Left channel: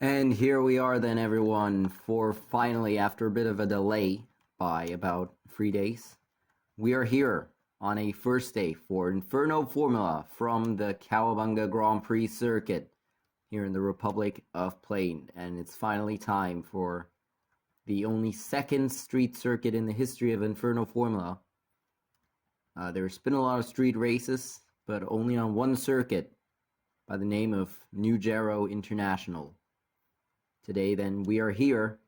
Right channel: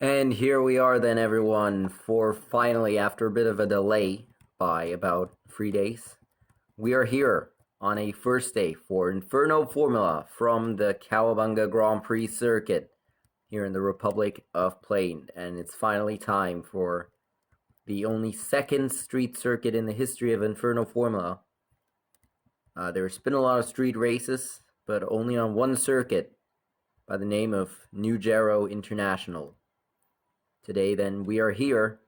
And here we are then, everyone, for finally, after a bit of a delay by about 3 days, we are here on a first day for Inferno Formula from the Cowabunga Grand Prix circuit here in the Republic of Plain. And it's finally time for the only second street circuit in the history of Inferno Formula. There's been a lot of street races, but only on one circuit by the name of New Gero International. Today, then, we are here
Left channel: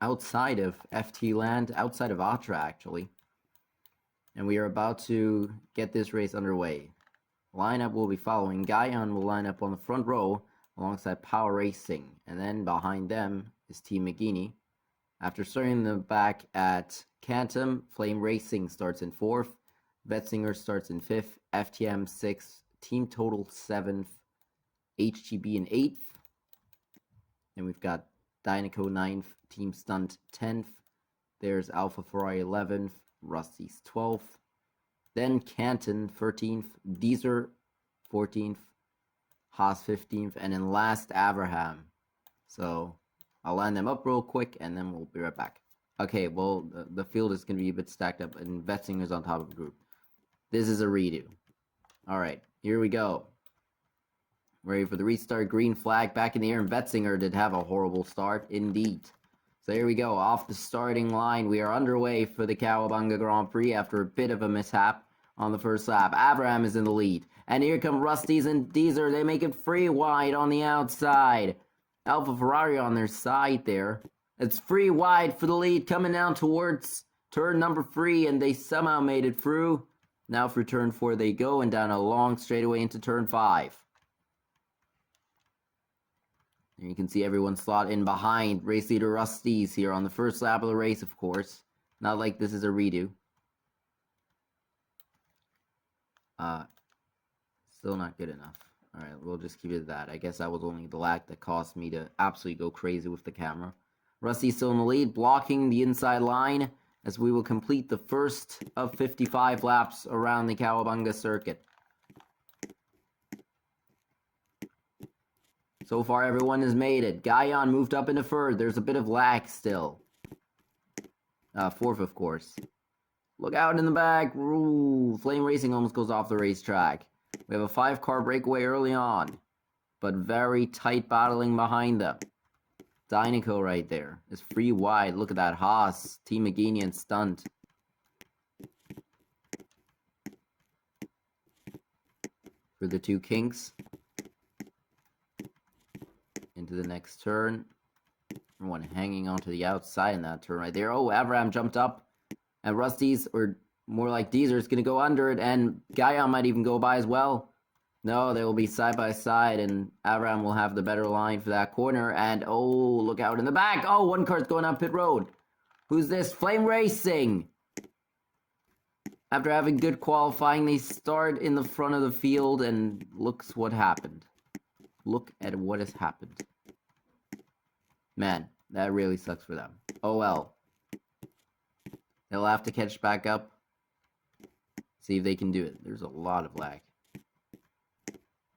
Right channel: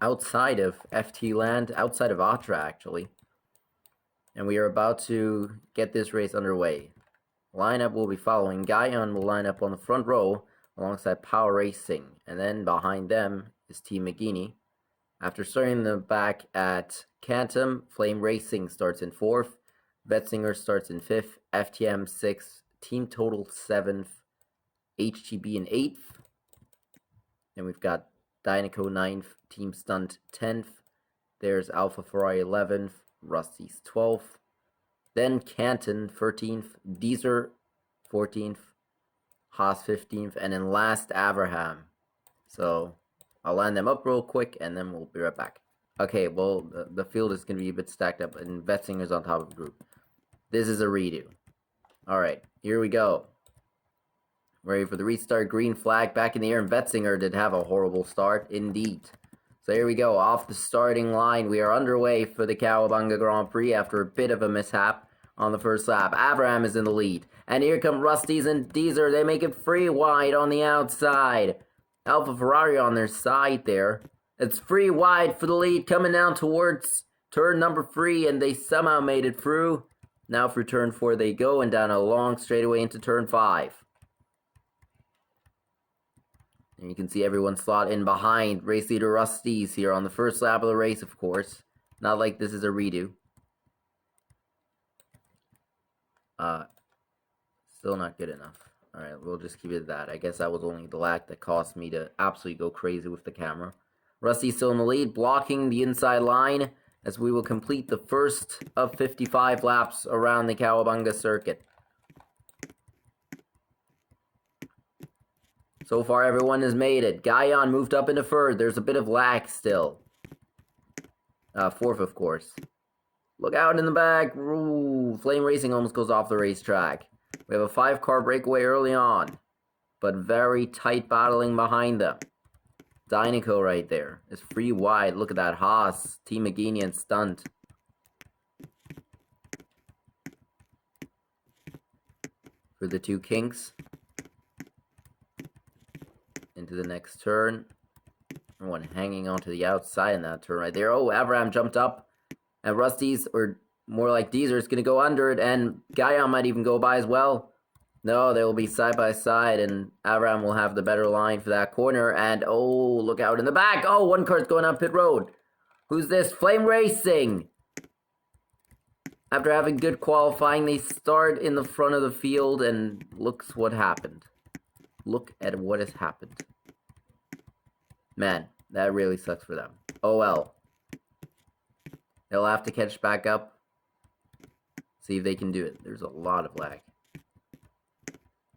outside of FT land, outside of Atra, actually. And we are about to get this race underway. Lineup will be following. Guyon will line up on the front row alongside Power Racing. And then behind them is Team McGeaney. After starting in the back at Cantum, Flame Racing starts in 4th. Vetzinger starts in 5th. FTM 6th. Team Total 7th. HGB in 8th. Then we've got Dynaco 9th, Team Stunt 10th. There's Alpha Ferrari 11th, Rusty's 12th. Then Canton 13th, Deezer 14th, Haas 15th, and then last Abraham. So I'll line them up real quick and then we'll be right back. Okay, well, the field is going to be a bit stacked up and Vetzinger's on top of the group. This is a redo. Alright, here we go. Ready for the restart, green flag back in the air, and Vetzinger did have a horrible start, indeed. So here we go, off the starting line. We are underway for the Cowabunga Grand Prix after a bit of a mishap on the first lap. Abraham is in the lead. And here come Rusty's and Deezer. They make it free wide on the outside. Alpha Ferrari on their side there. It's free wide for the lead, coming down towards turn number 3, and they somehow made it through. Now for turn 4 they go, and down a long straightaway into turn 5. And you can see everyone slot in behind race leader Rusty's here on the first lap of the race, of course. Not like this is a redo. Still not good enough. Alright, we'll just keep it at that. I guess that was only the lag that caused me to absolutely go crazy with the camera. Rusty's still in the lead, blocking the inside line as we will complete the first of 55 laps around the Cowabunga circuit. So far, everyone has made it. Guyon moved up into 3rd. There's a bit of lag still. 4th, of course. Look out in the back. Ooh, Flame Racing almost goes off the racetrack. We have a 5-car breakaway early on, but very tight battling behind them. Dynaco right there is free wide. Look at that. Haas, Team McGeaney, and Stunt. For the 2 Kinks. Into the next turn. One hanging onto the outside in that turn right there. Oh, Abraham jumped up. And Rusty's, or more like Deezer, is going to go under it. And Guyon might even go by as well. No, they will be side by side. And Abraham will have the better line for that corner. And, oh, look out in the back. Oh, one car's going on pit road. Who's this? Flame Racing. After having good qualifying, they start in the front of the field. And looks what happened. Look at what has happened. Man, that really sucks for them. Oh well. They'll have to catch back up. See if they can do it. There's a lot of lag.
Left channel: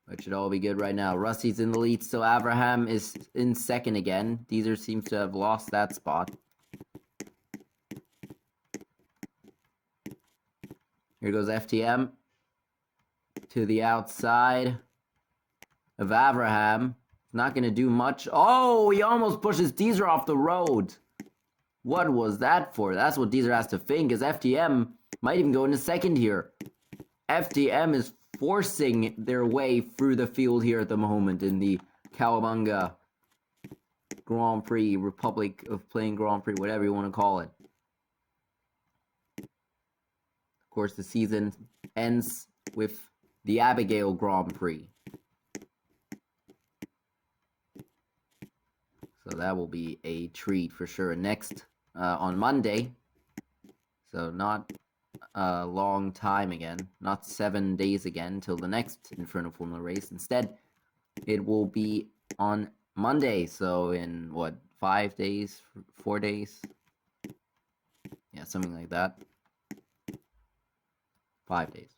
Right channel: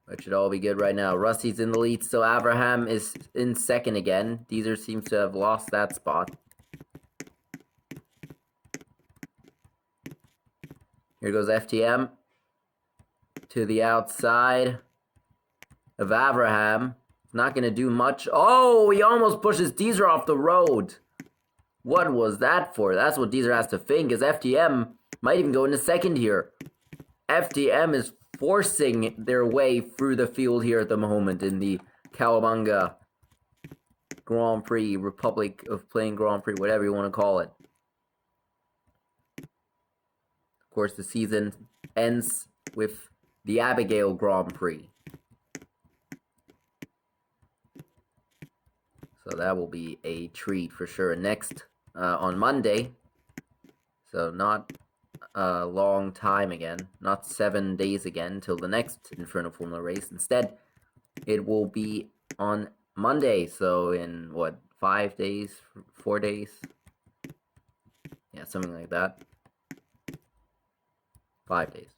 But should all be good right now. Rusty's in the lead, so Abraham is in 2nd again. Deezer seems to have lost that spot. Here goes FTM. To the outside of Abraham. Not going to do much. Oh, he almost pushes Deezer off the road. What was that for? That's what Deezer has to think, as FTM might even go into 2nd here. FTM is forcing their way through the field here at the moment in the Cowabunga Grand Prix, Republic of Plain Grand Prix, whatever you want to call it. Of course, the season ends with the Abigail Grand Prix. So that will be a treat for sure. Next, on Monday, so not a long time again, not 7 days again till the next Inferno Formula race. Instead, it will be on Monday, so in, what, 5 days, 4 days? Yeah, something like that. 5 days.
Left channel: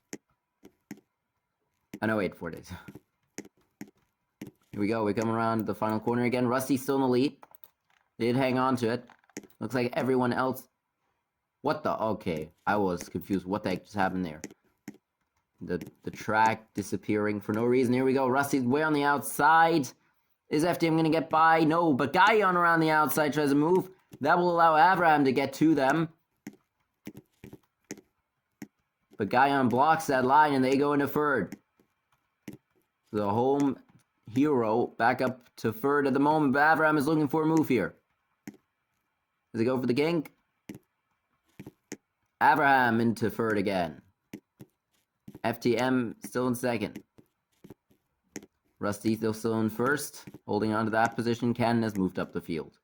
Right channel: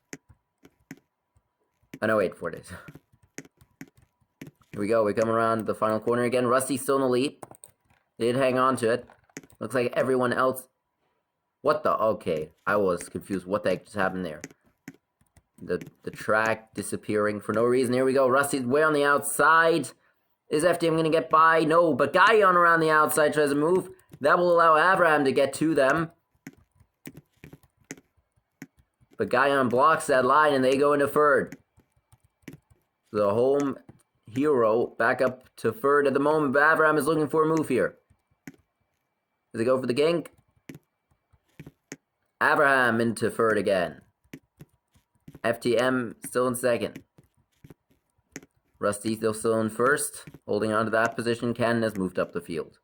Oh, no, wait, 4 days. Here we go. We come around the final corner again. Rusty's still in the lead. They did hang on to it. Looks like everyone else... What the... Okay. I was confused. What the heck just happened there? The track disappearing for no reason. Here we go. Rusty's way on the outside. Is FTM going to get by? No, but Guyon around the outside tries to move. That will allow Abraham to get to them. But Guyon blocks that line and they go into third. The home hero back up to third at the moment, but Abraham is looking for a move here. Does he go for the kink? Abraham into third again. FTM still in second. Rusty still in first. Holding on to that position. Cannon has moved up the field.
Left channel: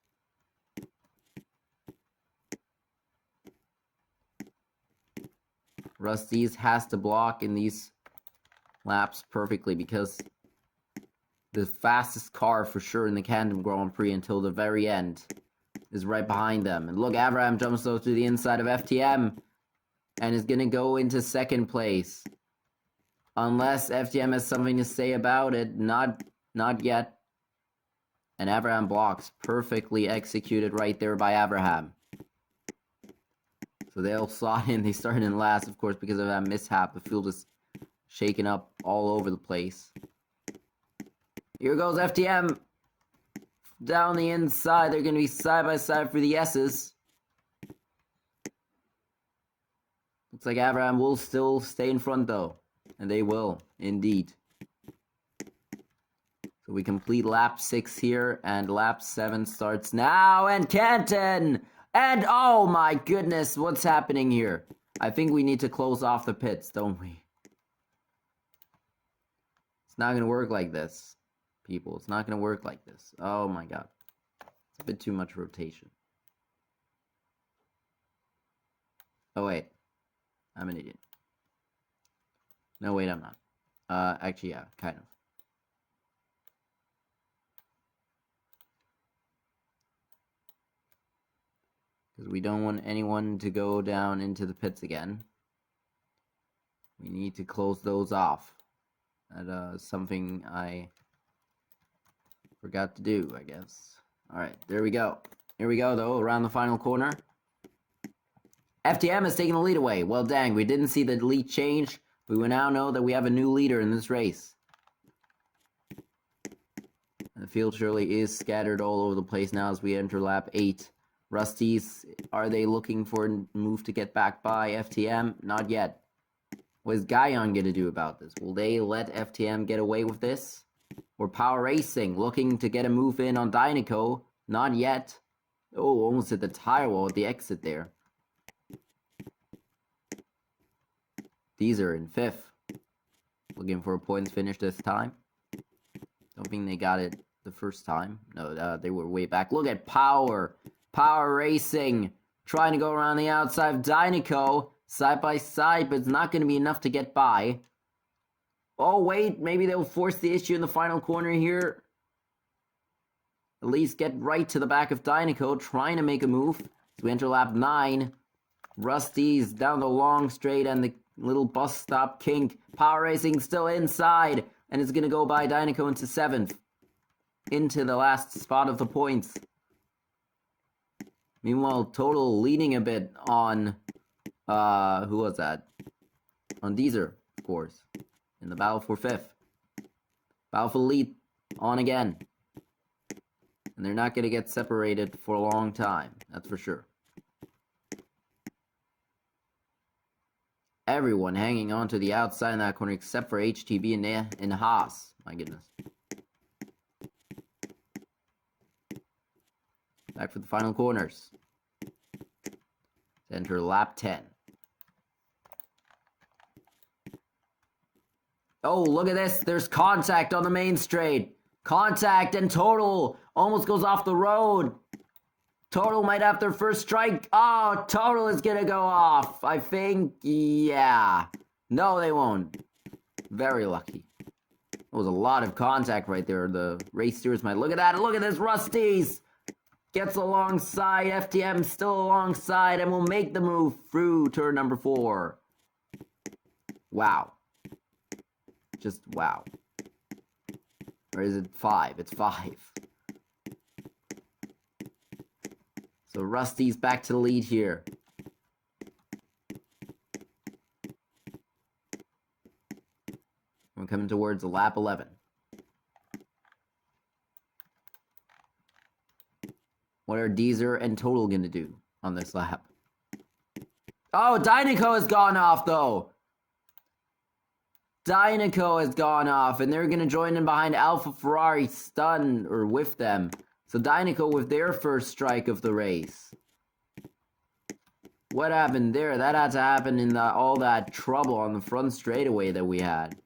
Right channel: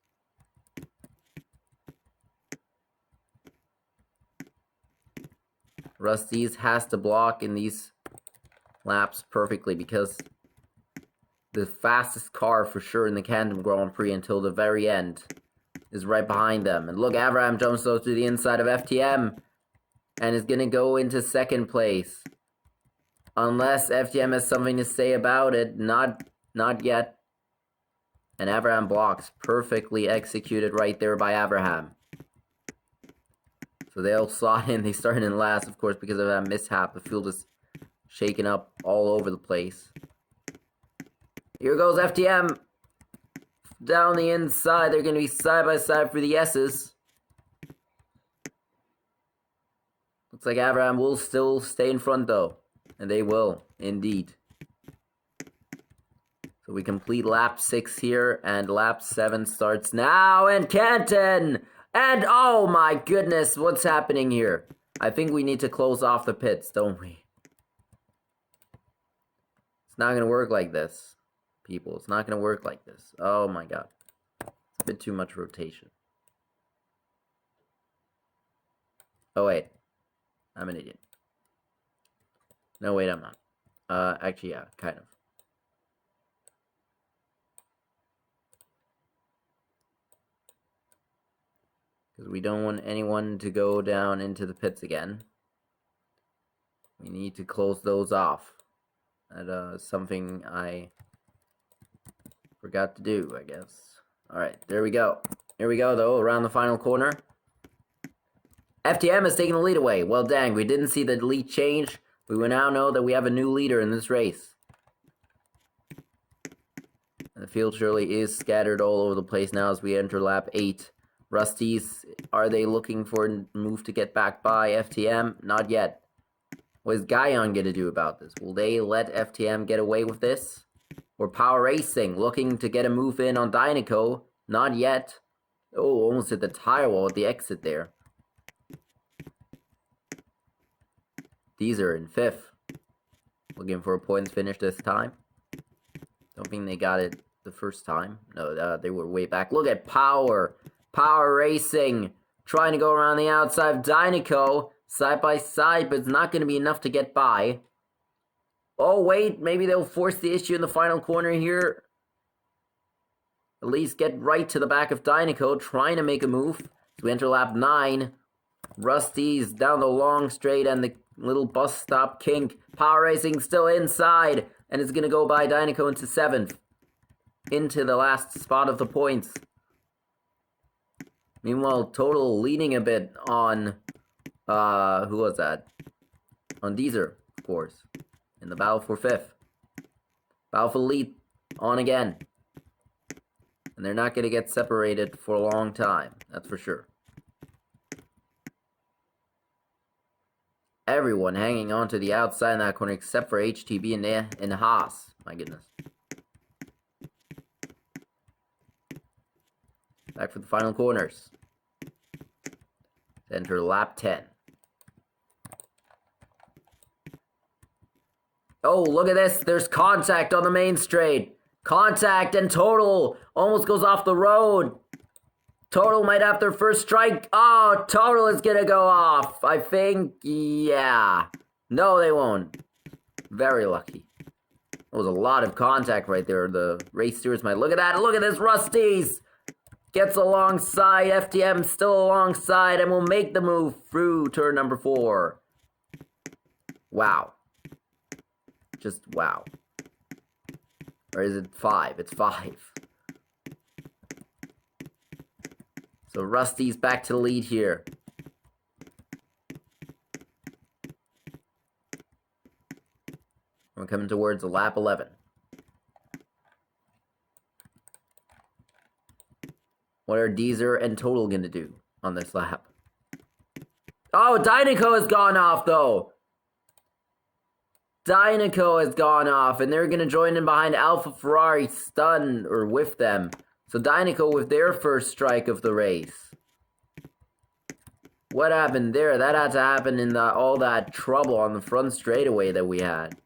Rusty's has to block in these laps perfectly because the fastest car for sure in the Canton Grand Prix until the very end is right behind them. And look, Abraham jumps though to the inside of FTM and is going to go into second place. Unless FTM has something to say about it. Not yet. And Abraham blocks. Perfectly executed right there by Abraham. So they all slot in. They started in last, of course, because of that mishap. The field is shaken up all over the place. Here goes FTM. Down the inside. They're going to be side by side for the S's. Looks like Abraham will still stay in front, though. And they will, indeed. So we complete lap 6 here, and lap 7 starts now, and Canton! And oh my goodness, what's happening here? I think we need to close off the pits, don't we? It's not going to work like this, people. It's not going to work like this. Oh my god. It's a bit too much rotation. Oh wait. I'm an idiot. No, wait, I'm not. Actually, yeah, kind of. Because we don't want anyone to go down into the pits again. We need to close those off. That, something I forgot to do, I guess. Alright, there we go. Here we go, though, around the final corner. FTM has taken the lead away. Well, dang, we didn't see the lead change. We will now know that we have a new leader in this race. And the field surely is scattered all over the place now as we enter lap 8. Rusty's, are they looking for a move to get back by FTM? Not yet. What is Guyon going to do about this? Will they let FTM get away with this? Or Power Racing looking to get a move in on Dynaco? Not yet. Oh, almost hit the tire wall at the exit there. These are in 5th. Looking for a points finish this time. Don't think they got it the first time. No, they were way back. Look at Power. Power Racing. Trying to go around the outside of Dynaco. Side by side, but it's not going to be enough to get by. Oh, wait. Maybe they'll force the issue in the final corner here. At least get right to the back of Dynaco. Trying to make a move. So we enter lap 9. Rusty's down the long straight and the little bus stop kink. Power Racing still inside. And it's going to go by Dynaco into 7th. Into the last spot of the points. Meanwhile, Total leading a bit on... who was that? On Deezer, of course. In the battle for 5th. Battle for lead. On again. And they're not going to get separated for a long time. That's for sure. Everyone hanging on to the outside in that corner except for HTB and Haas. My goodness. Back for the final corners. Enter lap 10. Oh, look at this. There's contact on the main straight. Contact and Total almost goes off the road. Total might have their first strike. Oh, Total is going to go off. I think, yeah. No, they won't. Very lucky. There was a lot of contact right there. The race stewards might look at that. Look at this, Rusty's. Gets alongside. FTM still alongside and will make the move through turn number 4. Wow. Just wow. Or is it 5? It's 5. So Rusty's back to the lead here. We're coming towards lap 11. What are Deezer and Total going to do on this lap? Oh, Dynaco has gone off, though. Dynaco has gone off, and they're going to join in behind Alpha Ferrari, stun, or with them. So Dynaco with their first strike of the race. What happened there? That had to happen in all that trouble on the front straightaway that we had.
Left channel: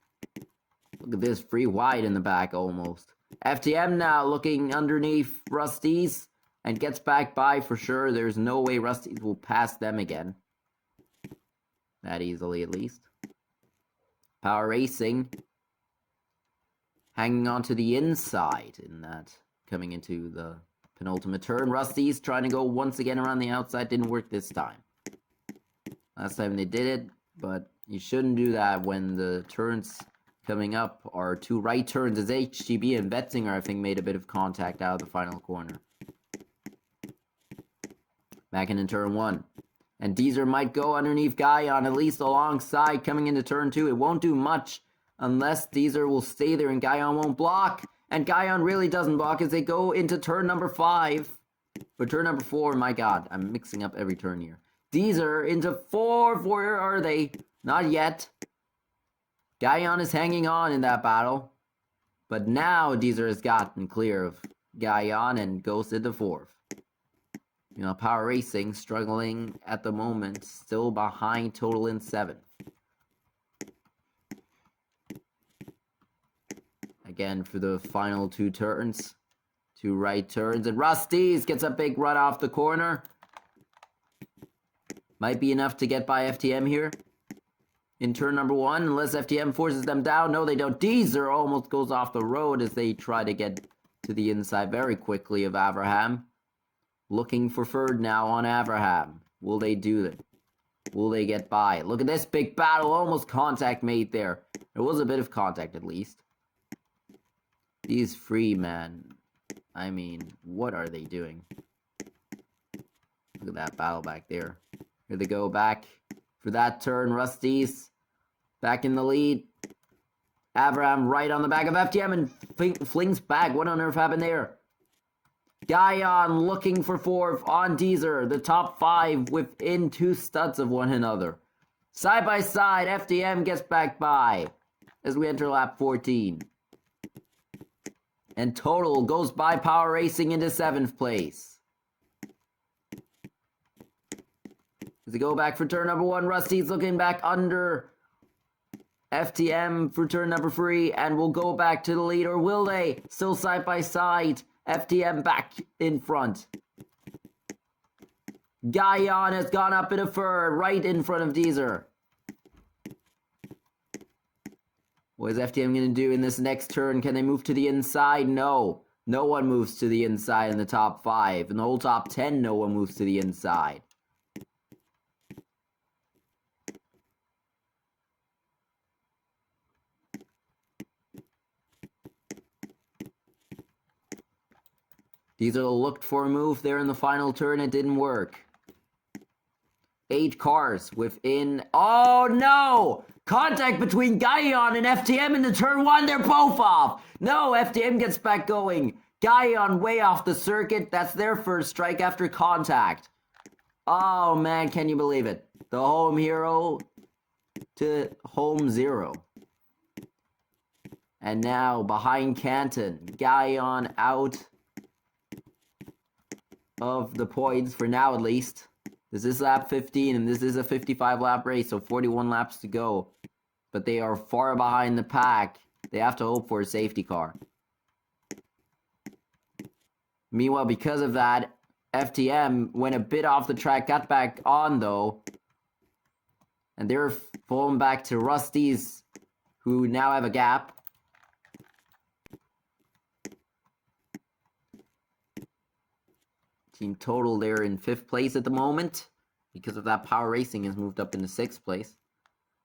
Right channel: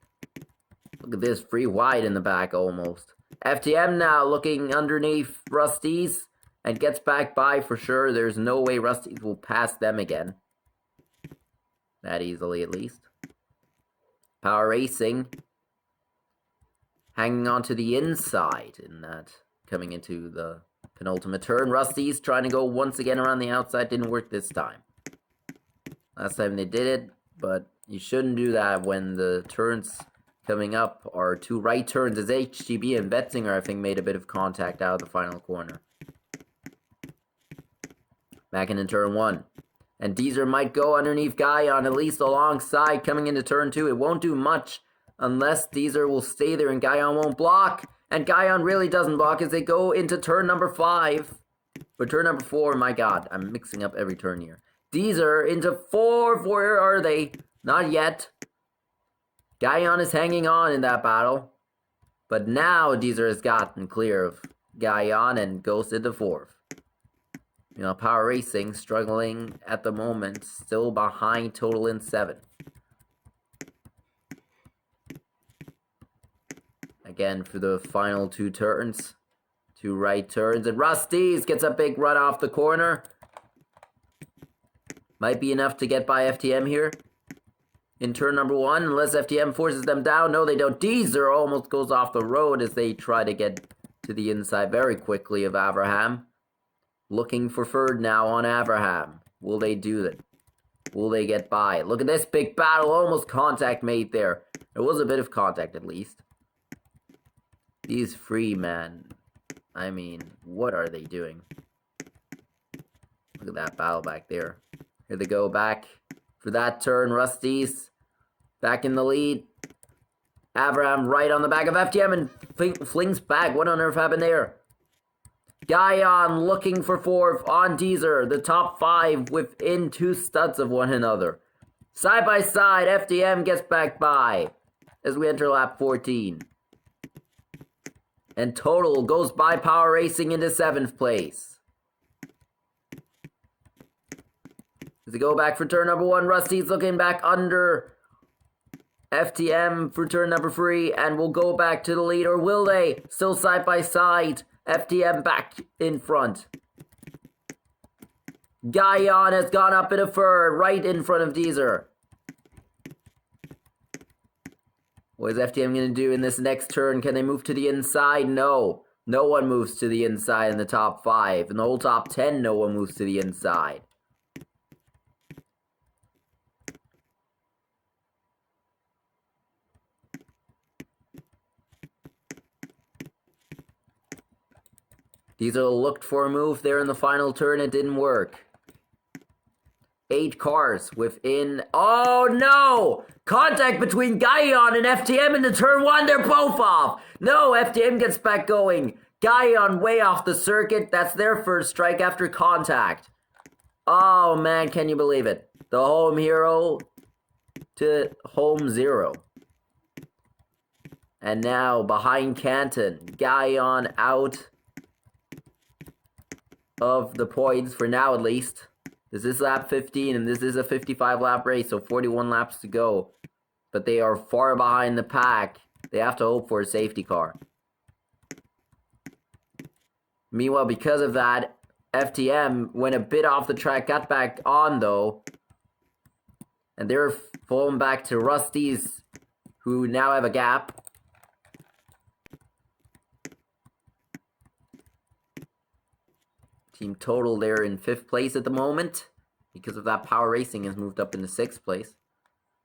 Look at this, free wide in the back almost. FTM now looking underneath Rusty's and gets back by for sure. There's no way Rusty's will pass them again. That easily, at least. Power Racing hanging on to the inside in that, coming into the penultimate turn. Rusty's trying to go once again around the outside. Didn't work this time. Last time they did it, but you shouldn't do that when the turns coming up are two right turns, as HGB and Betzinger, I think, made a bit of contact out of the final corner. Back into turn 1. And Deezer might go underneath Guyon, at least alongside, coming into turn 2. It won't do much unless Deezer will stay there and Guyon won't block. And Guyon really doesn't block as they go into turn number 5. Or turn number 4, my god, I'm mixing up every turn here. Deezer into 4, where are they? Not yet. Guyon is hanging on in that battle. But now Deezer has gotten clear of Guyon and goes into 4th. You know, Power Racing struggling at the moment, still behind Total in 7th. Again, for the final 2 turns. 2 right turns. And Rusty's gets a big run off the corner. Might be enough to get by FTM here. In turn number 1, unless FTM forces them down. No, they don't. Deezer almost goes off the road as they try to get to the inside very quickly of Abraham. Looking for third now on Abraham. Will they do that? Will they get by? Look at this big battle. Almost contact made there. There was a bit of contact at least. These free men. I mean, what are they doing? Look at that battle back there. Here they go back for that turn. Rusty's back in the lead. Abraham right on the back of FTM and flings back. What on earth happened there? Guyon looking for 4th on Deezer. The top 5 within 2 studs of one another. Side by side, FTM gets back by as we enter lap 14. And Total goes by Power Racing into 7th place. As they go back for turn number 1, Rusty's looking back under FTM for turn number 3 and will go back to the lead, or will they? Still side by side. FTM back in front. Guyon has gone up in a third, right in front of Deezer. What is FTM going to do in this next turn? Can they move to the inside? No. No one moves to the inside in the top 5. In the whole top 10, no one moves to the inside. Deezer looked for a move there in the final turn. It didn't work. 8 cars within... Oh, no! Contact between Guyon and FTM in the turn 1. They're both off. No, FTM gets back going. Guyon way off the circuit. That's their first strike after contact. Oh, man, can you believe it? The home hero to home 0. And now, behind Canton, Guyon out of the points, for now at least. This is lap 15, and this is a 55 lap race, so 41 laps to go. But they are far behind the pack. They have to hope for a safety car. Meanwhile, because of that, FTM went a bit off the track, got back on though. And they're falling back to Rusty's, who now have a gap. Team Total, they're in 5th place at the moment. Because of that, Power Racing has moved up into 6th place.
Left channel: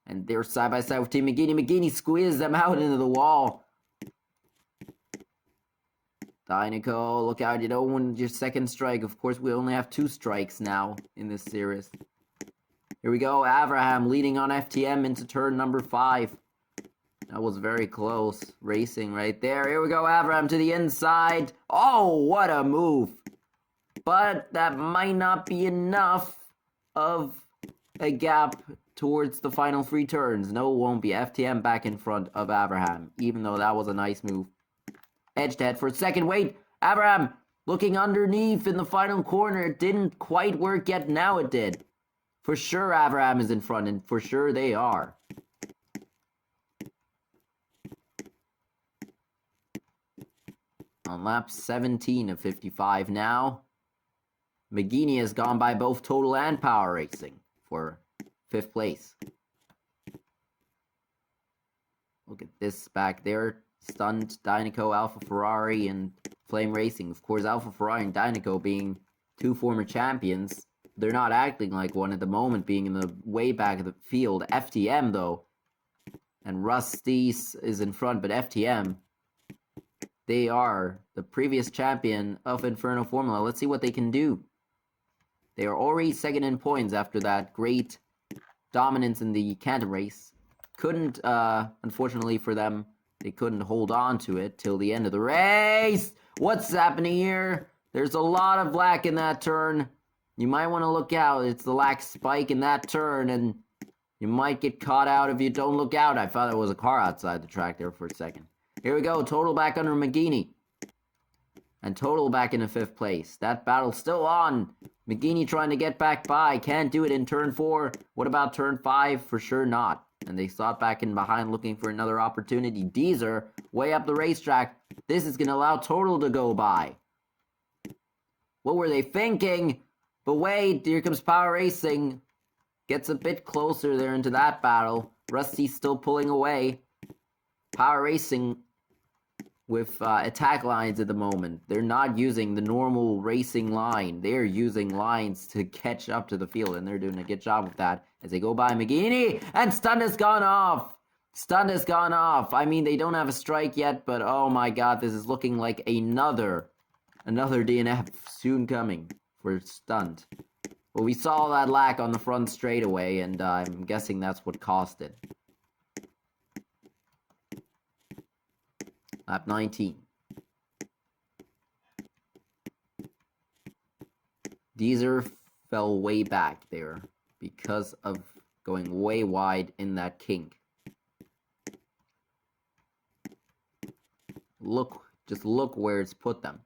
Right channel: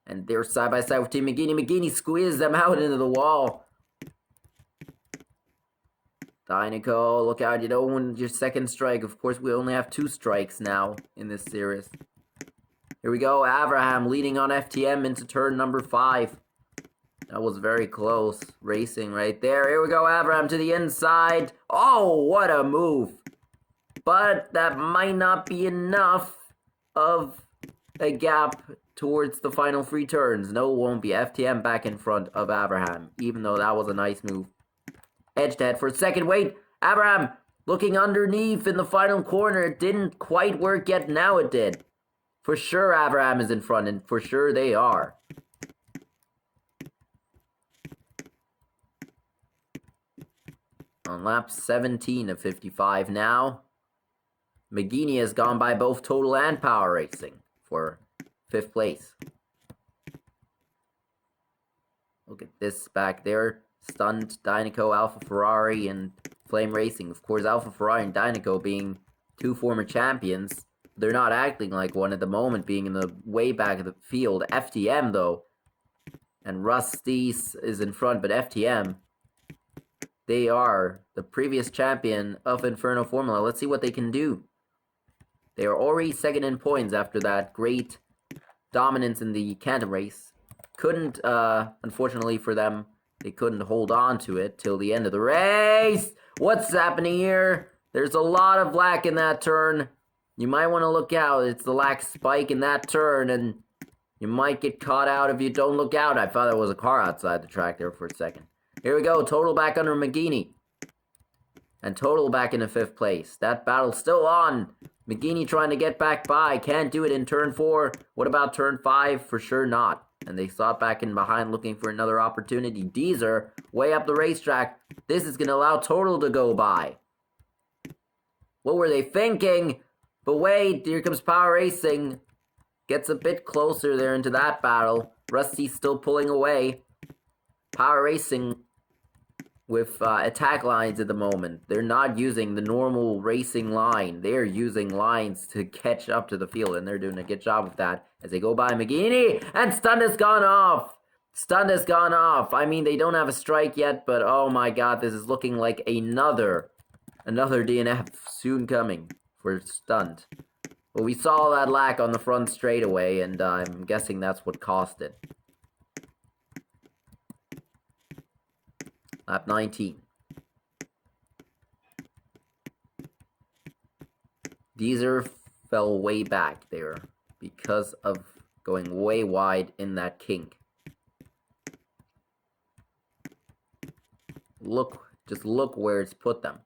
And they're side by side with Team McGinney. McGinney squeezed them out into the wall. Dinoco, look out, you don't want your second strike. Of course, we only have 2 strikes now in this series. Here we go, Abraham leading on FTM into turn number 5. That was very close. Racing right there. Here we go, Abraham to the inside. Oh, what a move. But that might not be enough of a gap towards the final 3 turns. No, it won't be. FTM back in front of Abraham, even though that was a nice move. Edge to head for a second. Wait, Abraham looking underneath in the final corner. It didn't quite work yet. Now it did. For sure Abraham is in front, and for sure they are. On lap 17 of 55 now. McGeaney has gone by both Total and Power Racing for 5th place. Look at this back there. Stunned, Dinoco, Alpha Ferrari, and Flame Racing. Of course, Alpha Ferrari and Dinoco being 2 former champions, they're not acting like one at the moment, being in the way back of the field. FTM, though, and Rusty's is in front, but FTM, they are the previous champion of Inferno Formula. Let's see what they can do. They are already second in points after that great dominance in the Canton race. Couldn't, unfortunately for them, they couldn't hold on to it till the end of the race. What's happening here? There's a lot of black in that turn. You might want to look out. It's the lack spike in that turn, and you might get caught out if you don't look out. I thought there was a car outside the track there for a second. Here we go. Total back under McGeaney. And Total back into 5th place. That battle's still on. McGeaney trying to get back by. Can't do it in turn 4. What about turn 5? For sure not. And they sought back in behind looking for another opportunity. Deezer, way up the racetrack. This is going to allow Total to go by. What were they thinking? But wait, here comes Power Racing. Gets a bit closer there into that battle. Rusty's still pulling away. Power Racing with attack lines at the moment. They're not using the normal racing line. They're using lines to catch up to the field, and they're doing a good job with that as they go by McGeaney, and Stunt has gone off. Stunt has gone off. I mean, they don't have a strike yet, but oh my god, this is looking like another DNF soon coming for Stunt. Well, we saw that lack on the front straightaway, and I'm guessing that's what cost it. Lap 19. Deezer fell way back there because of going way wide in that kink. Just look where it's put them.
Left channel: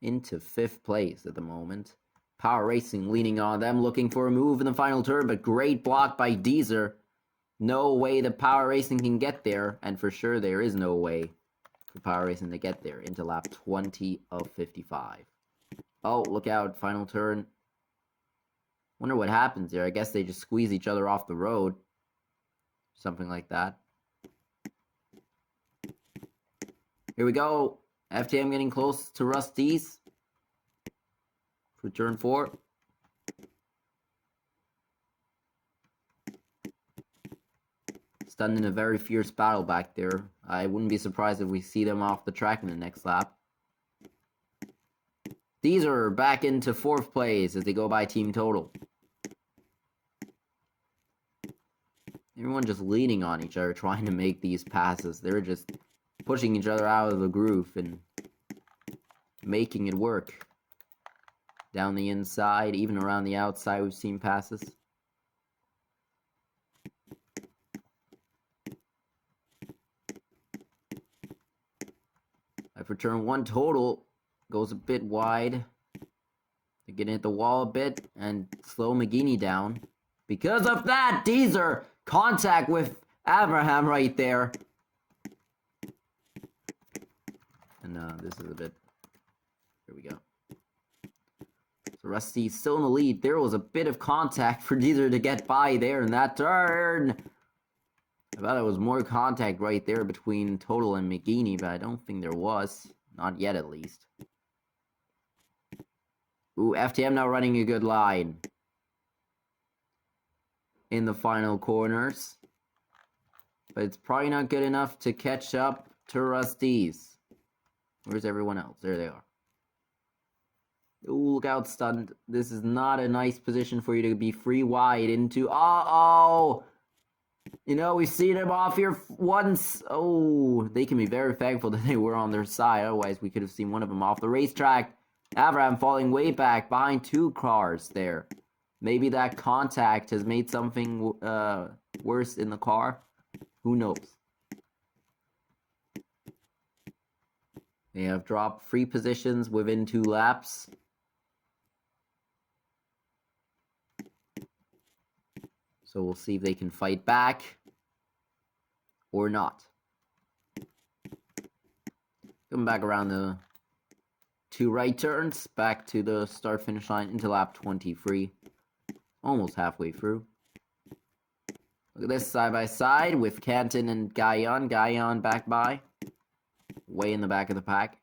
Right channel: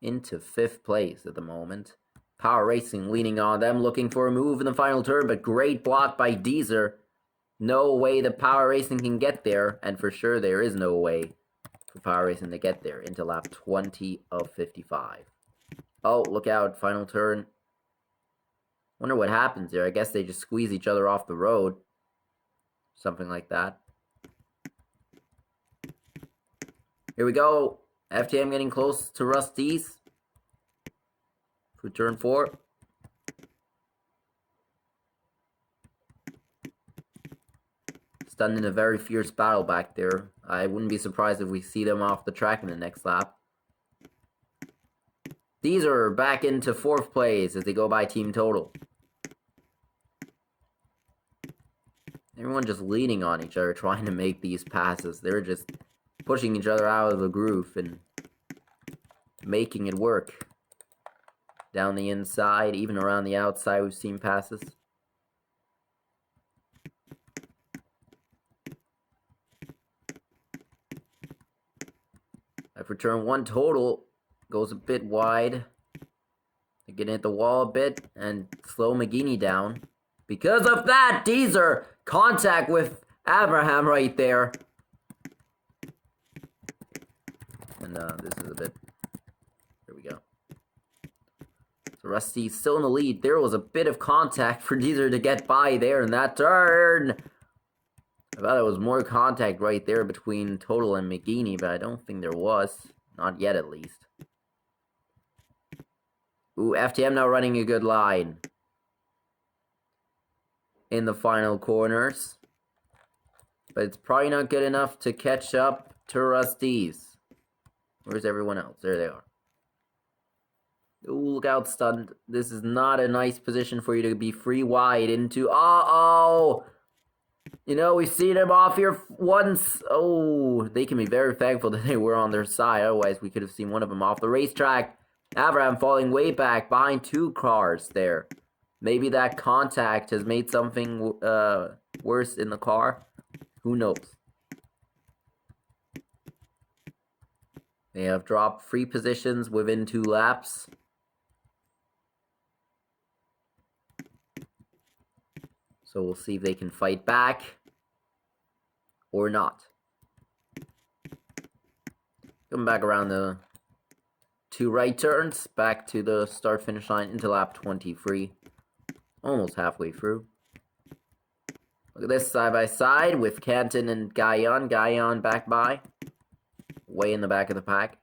Into 5th place at the moment. Power Racing leaning on them, looking for a move in the final turn, but great block by Deezer. No way that Power Racing can get there, and for sure there is no way for Power Racing to get there into lap 20 of 55. Oh, look out, final turn. Wonder what happens there. I guess they just squeeze each other off the road. Something like that. Here we go. FTM getting close to Rusty's for turn 4. Stunned in a very fierce battle back there. I wouldn't be surprised if we see them off the track in the next lap. These are back into 4th place as they go by Team Total. Everyone just leaning on each other, trying to make these passes. They're just pushing each other out of the groove and making it work. Down the inside, even around the outside, we've seen passes. For turn 1, Total goes a bit wide. They're getting at the wall a bit and slow McGeaney down. Because of that, Deezer contact with Abraham right there. And this is a bit... Here we go. So Rusty's still in the lead. There was a bit of contact for Deezer to get by there in that turn. I thought there was more contact right there between Total and McGeaney, but I don't think there was. Not yet, at least. Ooh, FTM now running a good line. In the final corners. But it's probably not good enough to catch up to Rusty's. Where's everyone else? There they are. Ooh, look out, stunned. This is not a nice position for you to be free wide into. Uh-oh! You know, we've seen him off here once. Oh, they can be very thankful that they were on their side. Otherwise, we could have seen one of them off the racetrack. Abraham falling way back behind 2 cars there. Maybe that contact has made something worse in the car. Who knows? They have dropped 3 positions within 2 laps. So we'll see if they can fight back or not. Coming back around the 2 right turns, back to the start-finish line into lap 23. Almost halfway through. Look at this side by side with Canton and Guyon. Guyon back by. Way in the back of the pack.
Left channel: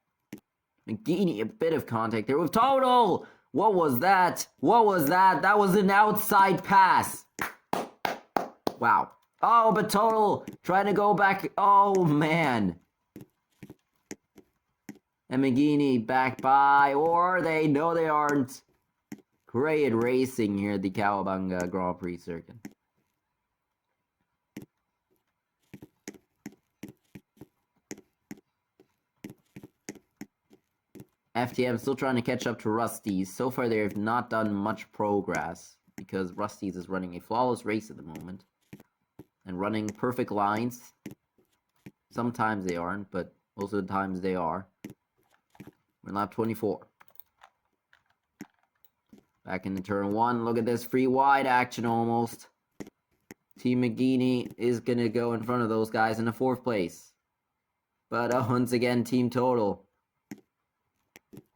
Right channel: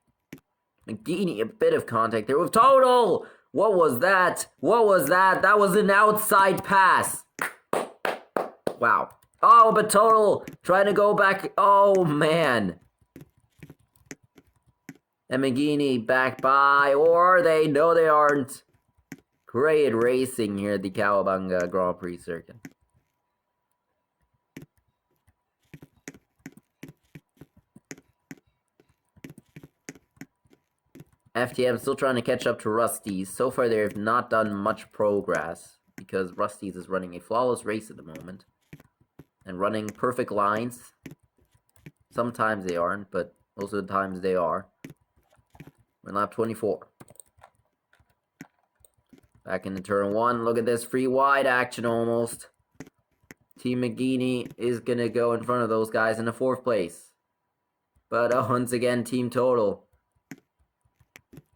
McGeady, a bit of contact there with Total! What was that? What was that? That was an outside pass. Wow. Oh, but Total trying to go back. Oh, man. And McGeady back by. Or they know they aren't. Great racing here at the Bunga Grand Prix circuit. FTM still trying to catch up to Rusty's. So far, they have not done much progress because Rusty's is running a flawless race at the moment and running perfect lines. Sometimes they aren't, but most of the times they are. We're in lap 24. Back into turn 1. Look at this free wide action almost. Team McGeady is going to go in front of those guys in the 4th place. But once again, Team Total.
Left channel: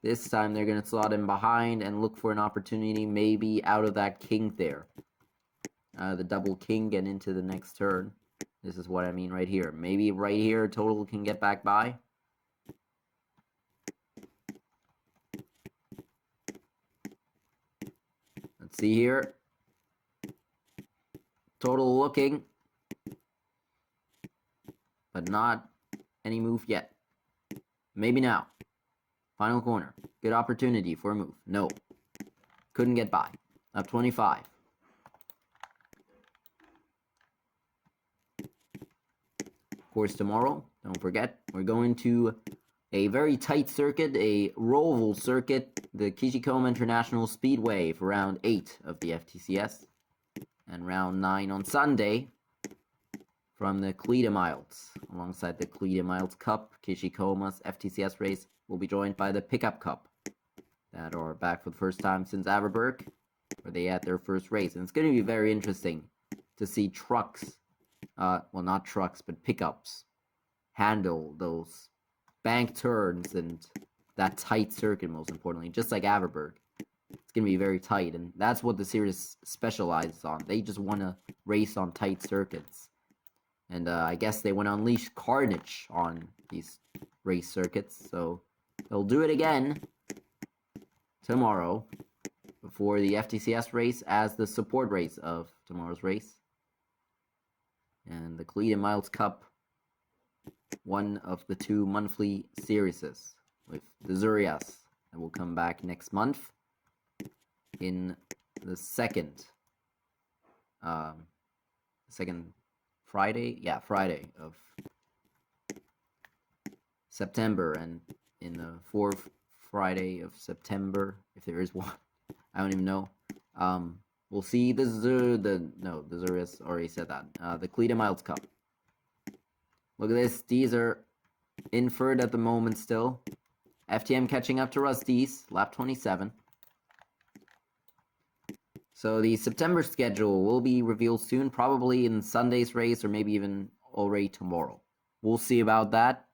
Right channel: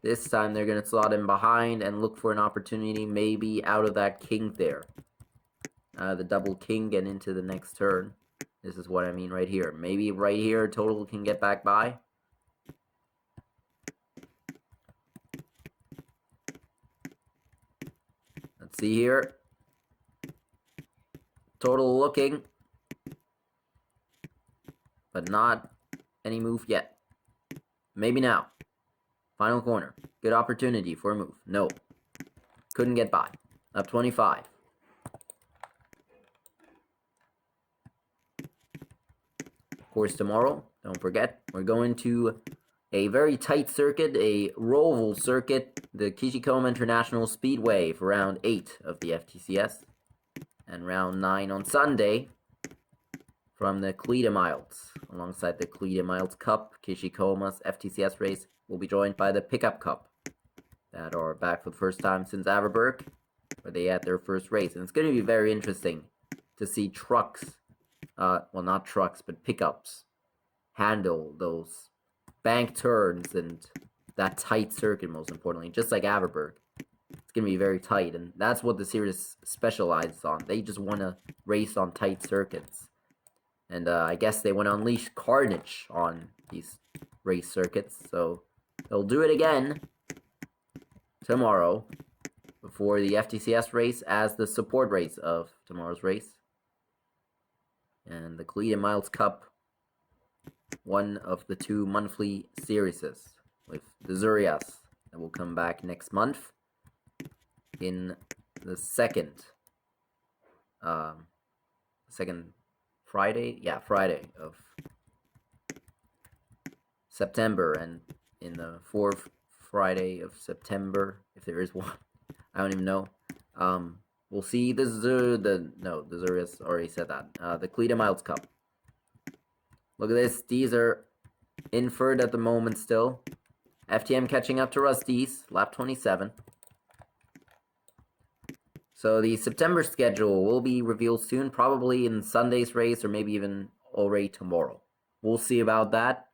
This time they're going to slot in behind and look for an opportunity maybe out of that kink there. The double king and into the next turn. This is what I mean right here. Maybe right here Total can get back by. Let's see here. Total looking. But not any move yet. Maybe now. Final corner. Good opportunity for a move. No. Couldn't get by. Up 25. Of course, tomorrow, don't forget, we're going to a very tight circuit, a Roval circuit, the Kishikoma International Speedway for round 8 of the FTCS. And round 9 on Sunday from the Cleta Miles. Alongside the Cleta Miles Cup, Kishikoma's FTCS race will be joined by the Pickup Cup that are back for the first time since Averberg, where they had their first race. And it's going to be very interesting to see trucks, well, not trucks, but pickups handle those bank turns and that tight circuit, most importantly, just like Averberg. It's going to be very tight, and that's what the series specializes on. They just want to race on tight circuits. And I guess they want to unleash carnage on these race circuits, so they'll do it again tomorrow before the FTCS race as the support race of tomorrow's race. And the Cleta Miles Cup, one of the 2 monthly series with the Zurias that will come back next month in the second Friday? Yeah, Friday of September, and in the 4th Friday of September, if there is one. I don't even know. We'll see the Zurias already said that. The Cleta Miles Cup. Look at this. These are in third at the moment still. FTM catching up to Rusty's, lap 27. So the September schedule will be revealed soon, probably in Sunday's race or maybe even already tomorrow. We'll see about that.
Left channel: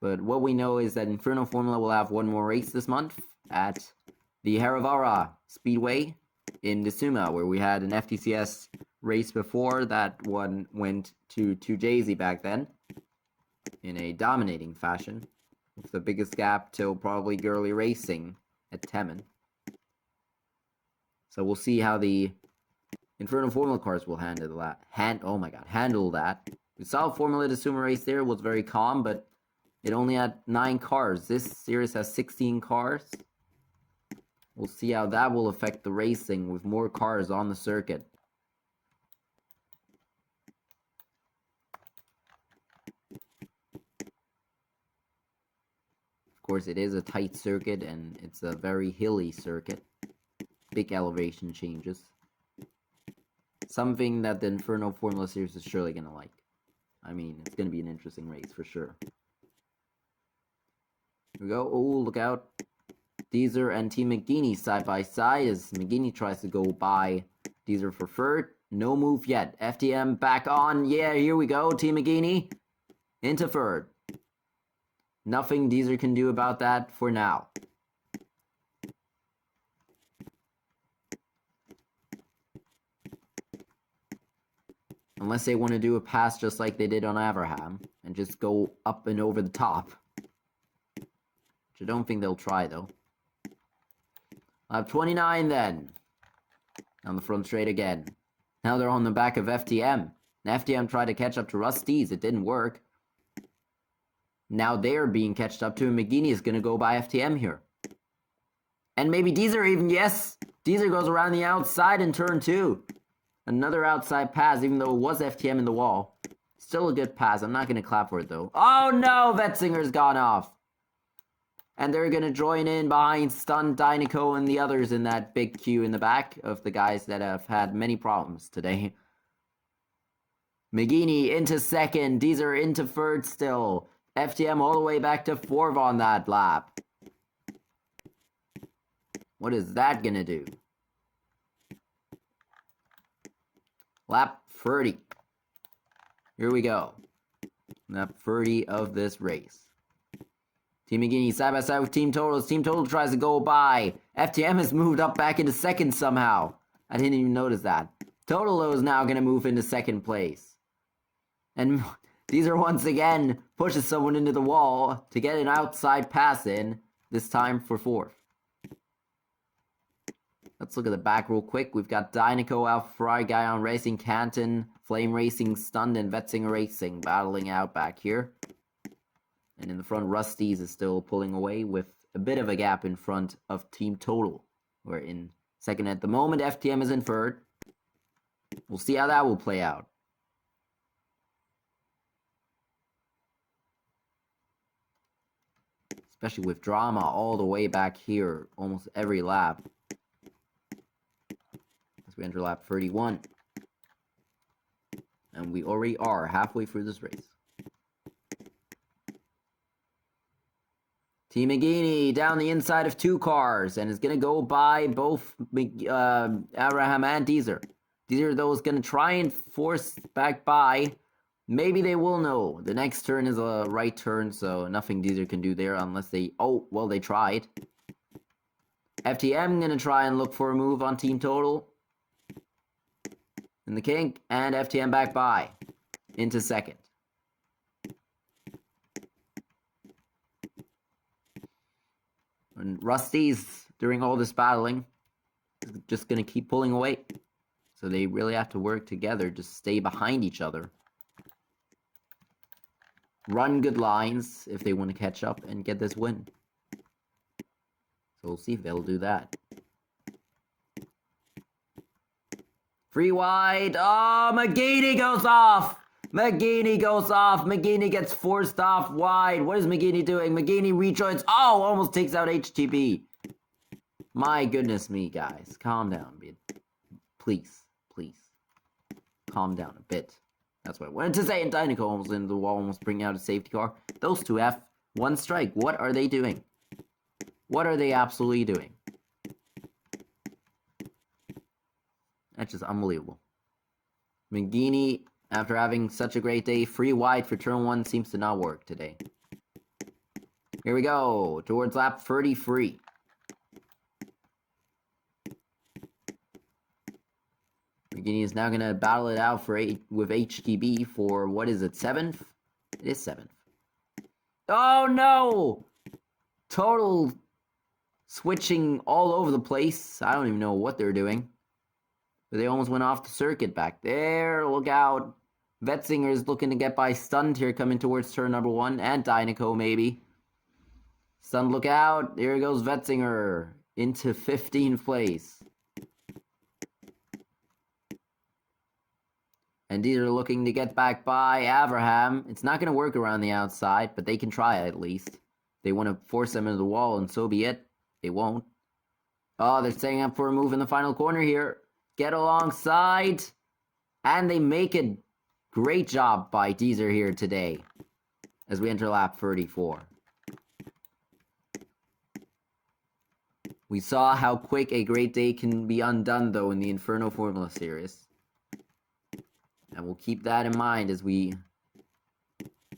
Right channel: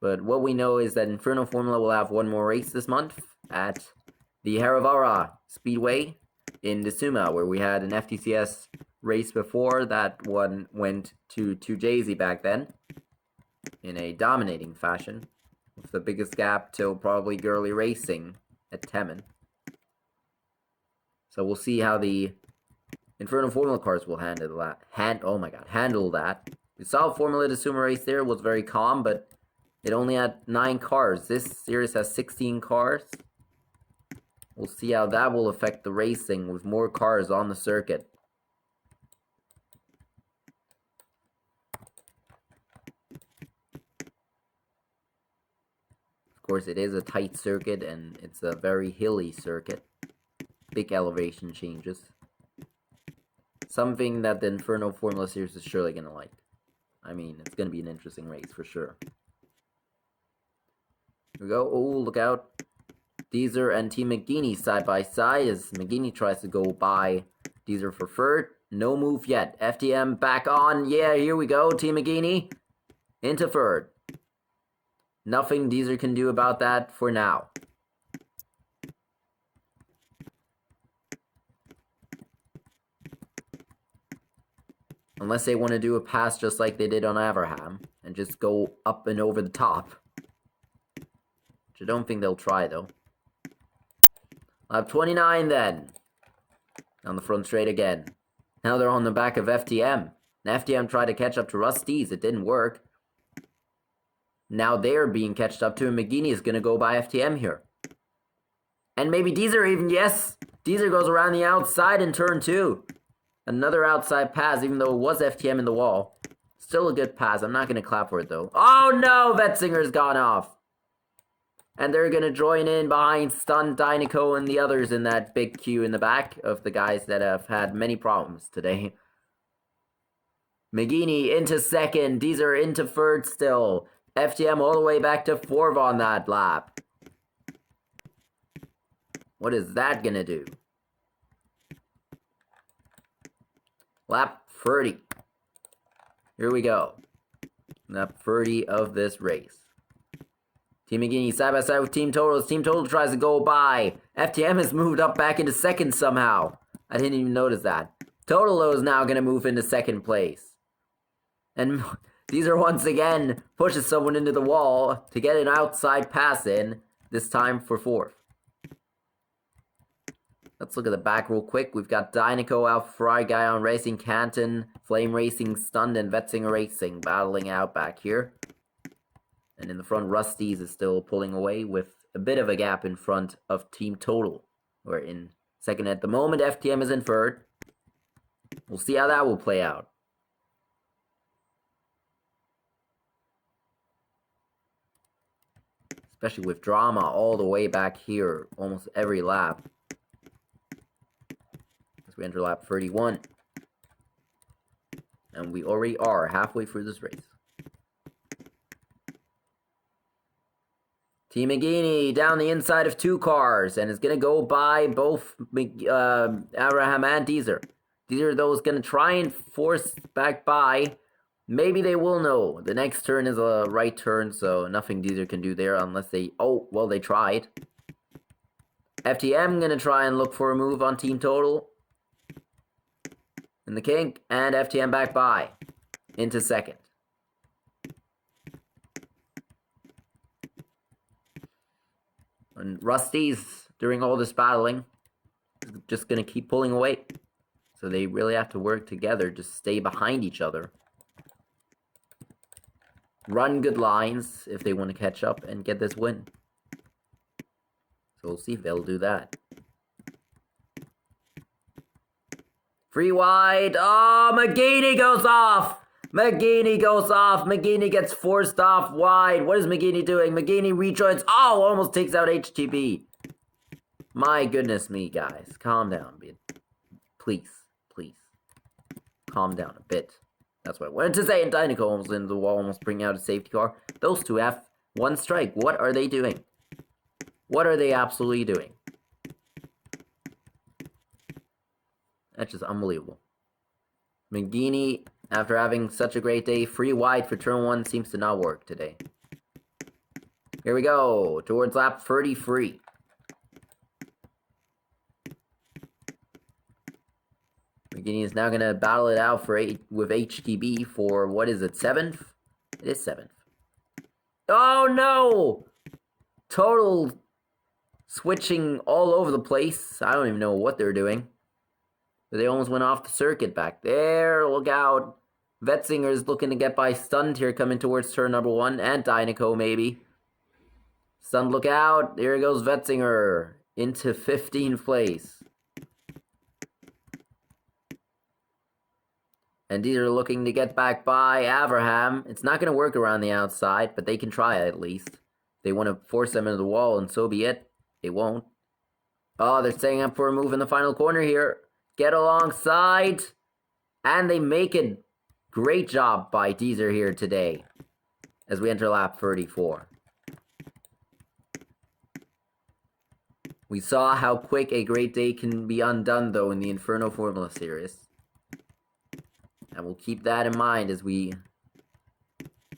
But what we know is that Inferno Formula will have one more race this month at the Haravara Speedway in Desuma, where we had an FTCS race before. That one went to Jay-Z back then in a dominating fashion, with the biggest gap till probably Girly Racing at Temen. So we'll see how the Inferno Formula cars will handle that. Handle that. We saw Formula Desuma race there. It was very calm, but It only had 9 cars. This series has 16 cars. We'll see how that will affect the racing with more cars on the circuit. Of course, it is a tight circuit and it's a very hilly circuit. Big elevation changes. Something that the Inferno Formula Series is surely going to like. I mean, it's going to be an interesting race for sure. Here we go. Oh, look out. Deezer and Team McGeaney side by side as McGeaney tries to go by Deezer for third. No move yet. FTM back on. Yeah, here we go. Team McGeaney into third. Nothing Deezer can do about that for now. Unless they want to do a pass just like they did on Abraham and just go up and over the top. Which I don't think they'll try though. Lap 29 then. On the front straight again. Now they're on the back of FTM. And FTM tried to catch up to Rusty's. It didn't work. Now they're being catched up to, and McGeaney is going to go by FTM here. And maybe Deezer even, yes! Deezer goes around the outside in turn 2. Another outside pass, even though it was FTM in the wall. Still a good pass. I'm not going to clap for it, though. Oh, no! Vetzinger's gone off. And they're going to join in behind Stun, Dynaco, and the others in that big queue in the back of the guys that have had many problems today. McGeaney into second. Deezer into third still. FTM all the way back to 4th on that lap. What is that going to do? Lap 30. Here we go. Lap 30 of this race. Team McGeaney side by side with Team Total. Team Total tries to go by. FTM has moved up back into second somehow. I didn't even notice that. Total is now going to move into second place. And Deezer once again pushes someone into the wall to get an outside pass in, this time for 4th. Let's look at the back real quick. We've got Dynaco, Alfry, Guyon Racing, Canton, Flame Racing, Stunned, and Vetzinger Racing battling out back here. And in the front, Rusty's is still pulling away with a bit of a gap in front of Team Total. We're in second at the moment. FTM is in third. We'll see how that will play out. Especially with drama all the way back here, almost every lap. As we enter lap 31. And we already are halfway through this race. Team McGeaney down the inside of 2 cars and is going to go by both Abraham and Deezer. Deezer, though, is going to try and force back by. Maybe they will know. The next turn is a right turn, so nothing Deezer can do there unless they... Oh, well, they tried. FTM going to try and look for a move on Team Total. In the kink, and FTM back by. Into second. And Rusty's, during all this battling, is just going to keep pulling away. So they really have to work together to stay behind each other. Run good lines if they want to catch up and get this win. So we'll see if they'll do that. Free wide. Oh, McGeaney goes off. McGeaney goes off. McGeaney gets forced off wide. What is McGeaney doing? McGeaney rejoins. Oh, almost takes out HTB. My goodness me, guys. Calm down a bit. Please, please. Calm down a bit. That's what I wanted to say. And Dynaco almost into the wall, almost bringing out a safety car. Those two have 1 strike. What are they doing? What are they absolutely doing? That's just unbelievable. McGeaney, after having such a great day, free wide for turn 1 seems to not work today. Here we go, towards lap 33. McGeaney is now going to battle it out for with HTB for, what is it, 7th? It is 7th. Oh no! Total switching all over the place. I don't even know what they're doing. But they almost went off the circuit back there. Look out. Vetzinger's looking to get by Stunned here coming towards turn number 1. And Dynaco maybe. Stunned, look out. There goes Vetzinger into 15th place. And these are looking to get back by Abraham. It's not going to work around the outside, but they can try at least. They want to force them into the wall, and so be it. They won't. Oh, they're setting up for a move in the final corner here. Get alongside. And they make it. Great job by Deezer here today as we enter lap 34. We saw how quick a great day can be undone, though, in the Inferno Formula Series. And we'll keep that in mind as we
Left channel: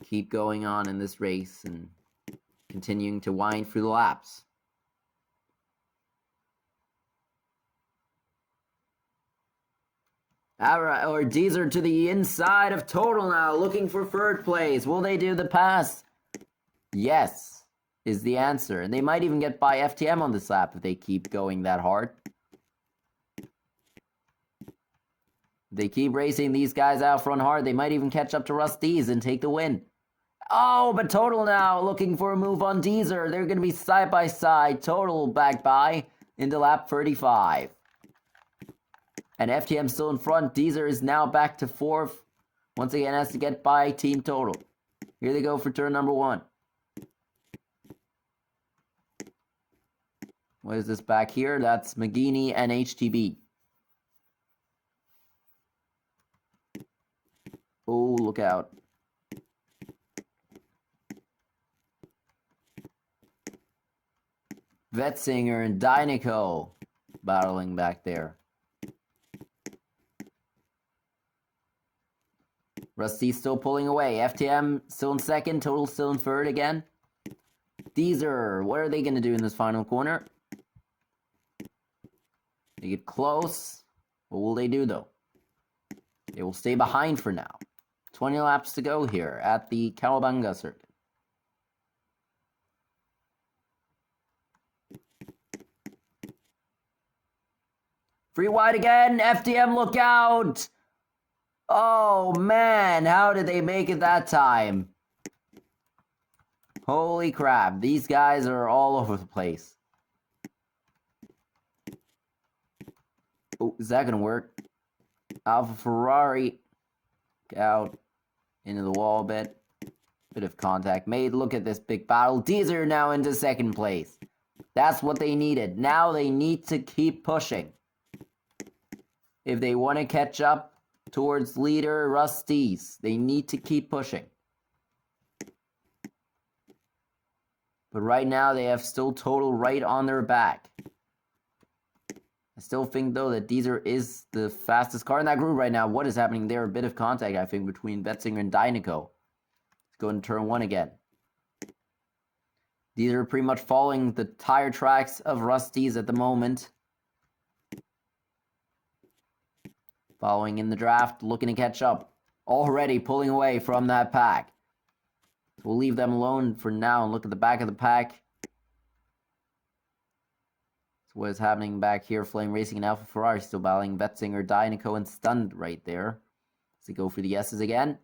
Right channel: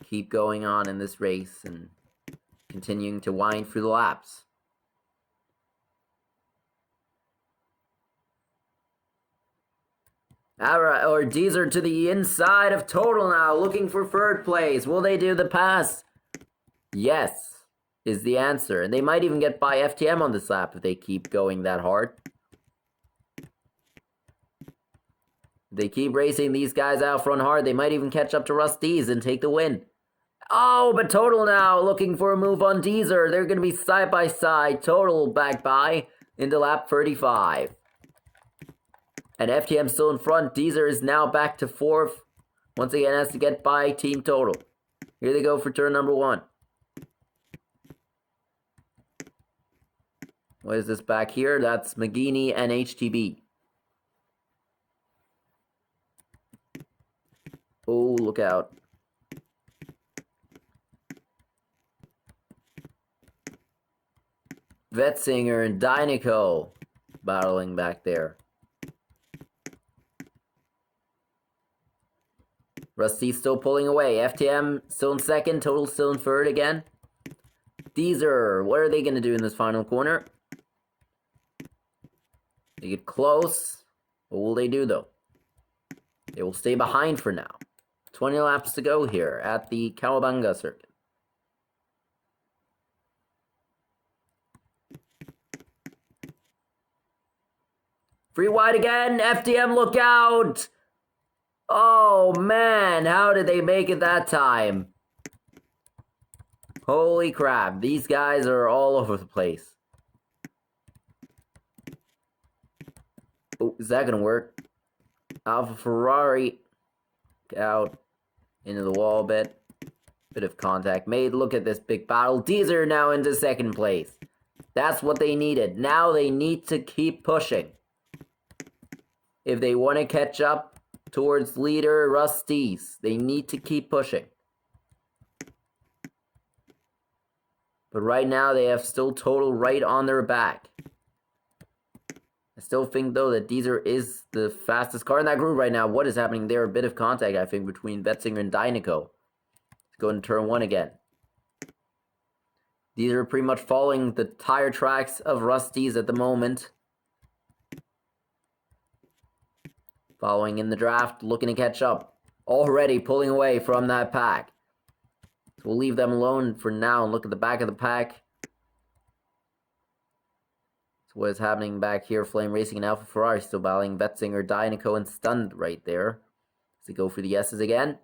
keep going on in this race and continuing to wind through the laps. Alright, or Deezer to the inside of Total now, looking for third place. Will they do the pass? Yes, is the answer. And they might even get by FTM on this lap if they keep going that hard. They keep racing these guys out front hard. They might even catch up to Rusty's and take the win. Oh, but Total now looking for a move on Deezer. They're going to be side by side. Total back by into lap 35. And FTM still in front. Deezer is now back to 4th. Once again, has to get by Team Total. Here they go for turn number 1. What is this back here? That's McGeaney and HTB. Oh, look out. Vetzinger and Dynaco battling back there. Rusty still pulling away. FTM still in second. Total still in third again. Deezer, what are they going to do in this final corner? They get close. What will they do, though? They will stay behind for now. 20 laps to go here at the Bunga circuit. Free wide again. FTM, look out! Oh, man. How did they make it that time? Holy crap. These guys are all over the place. Oh, is that going to work? Alpha Ferrari. Out. Into the wall a bit. Bit of contact made. Look at this big battle. Deezer now into second place. That's what they needed. Now they need to keep pushing. If they want to catch up towards leader Rusty's, they need to keep pushing. But right now they have still Total right on their back. I still think though that Deezer is the fastest car in that group right now. What is happening there? A bit of contact I think between Vetzinger and Dynaco. Let's go into turn 1 again. These are pretty much following the tire tracks of Rusty's at the moment. Following in the draft, looking to catch up. Already pulling away from that pack. So we'll leave them alone for now and look at the back of the pack. So what is happening back here? Flame Racing and Alpha Ferrari still battling Vetzinger, Dynaco, and Stunned right there. As they go for the S's again.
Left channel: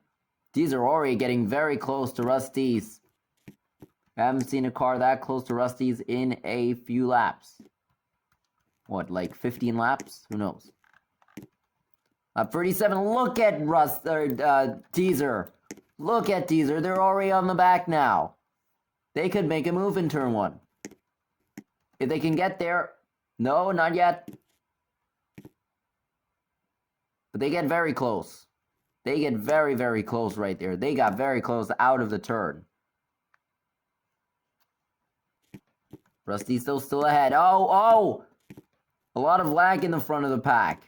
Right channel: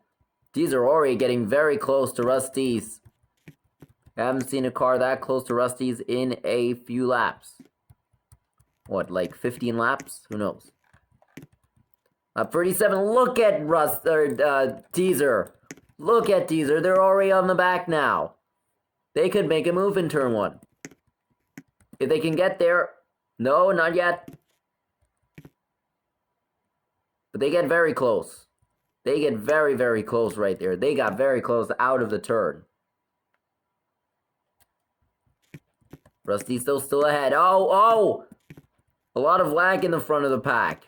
These are already getting very close to Rusty's. I haven't seen a car that close to Rusty's in a few laps. What, like 15 laps? Who knows? 37, look at Deezer. Look at Deezer, they're already on the back now. They could make a move in turn 1. If they can get there. No, not yet. But they get very close. They get very, very close right there. They got very close out of the turn. Rusty's still ahead. Oh! A lot of lag in the front of the pack.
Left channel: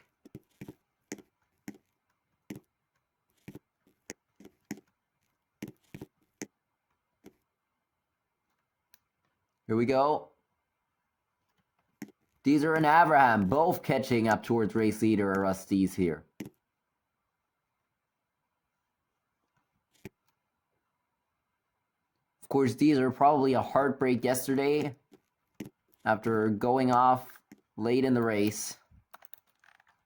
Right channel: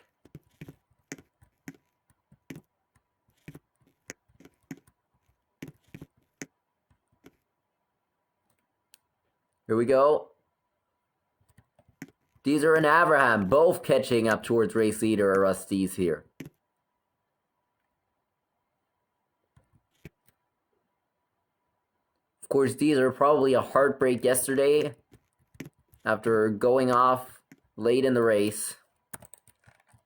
Here we go. Deezer and Abraham both catching up towards race leader Rusty's here. Of course, Deezer probably a heartbreak yesterday after going off late in the race.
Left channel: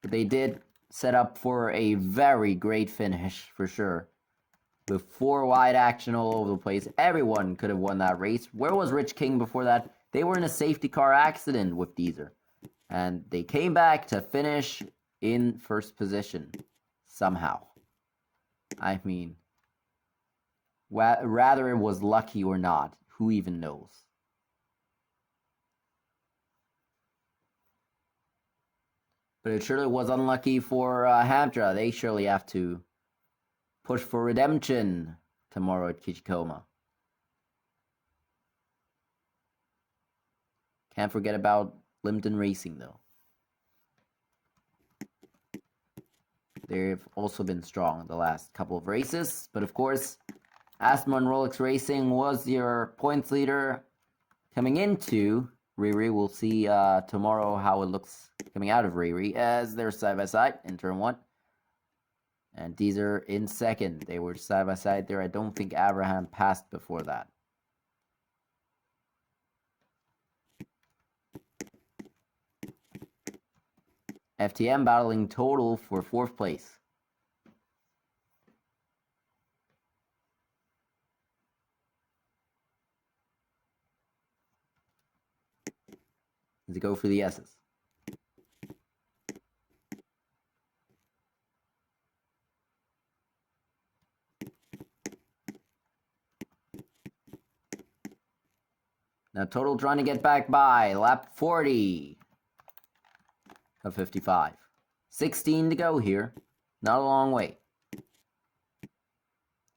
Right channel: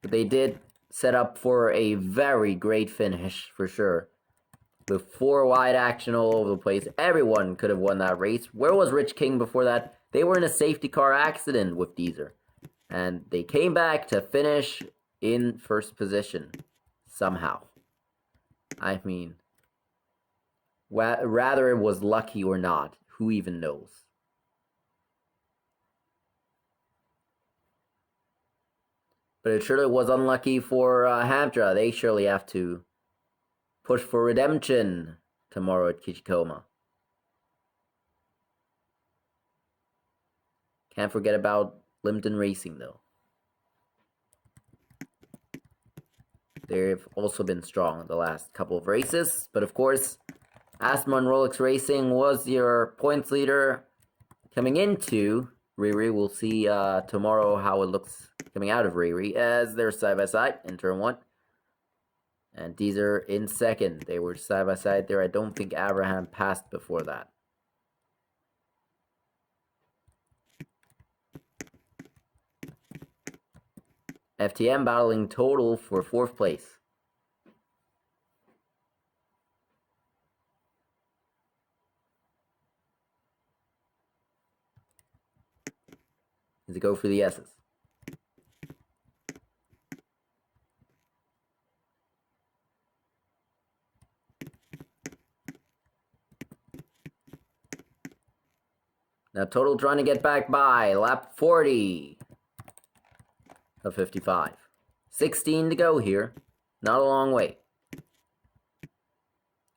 But they did set up for a very great finish, for sure. With 4 wide action all over the place. Everyone could have won that race. Where was Rich King before that? They were in a safety car accident with Deezer. And they came back to finish in first position. Somehow. I mean, rather it was lucky or not. Who even knows? But it surely was unlucky for Hamtra. They surely have to push for redemption tomorrow at Kichikoma. Can't forget about Limpton Racing, though. They've also been strong the last couple of races. But of course, Asthma and Rolex Racing was your points leader coming into Riri. We'll see tomorrow how it looks coming out of Riri as they're side by side in turn 1. And Deezer in second. They were side by side there. I don't think Abraham passed before that. FTM battling total for 4th place. Does it go for the S's? Now total trying to get back by lap 40 of 55. 16 to go here. Not a long way.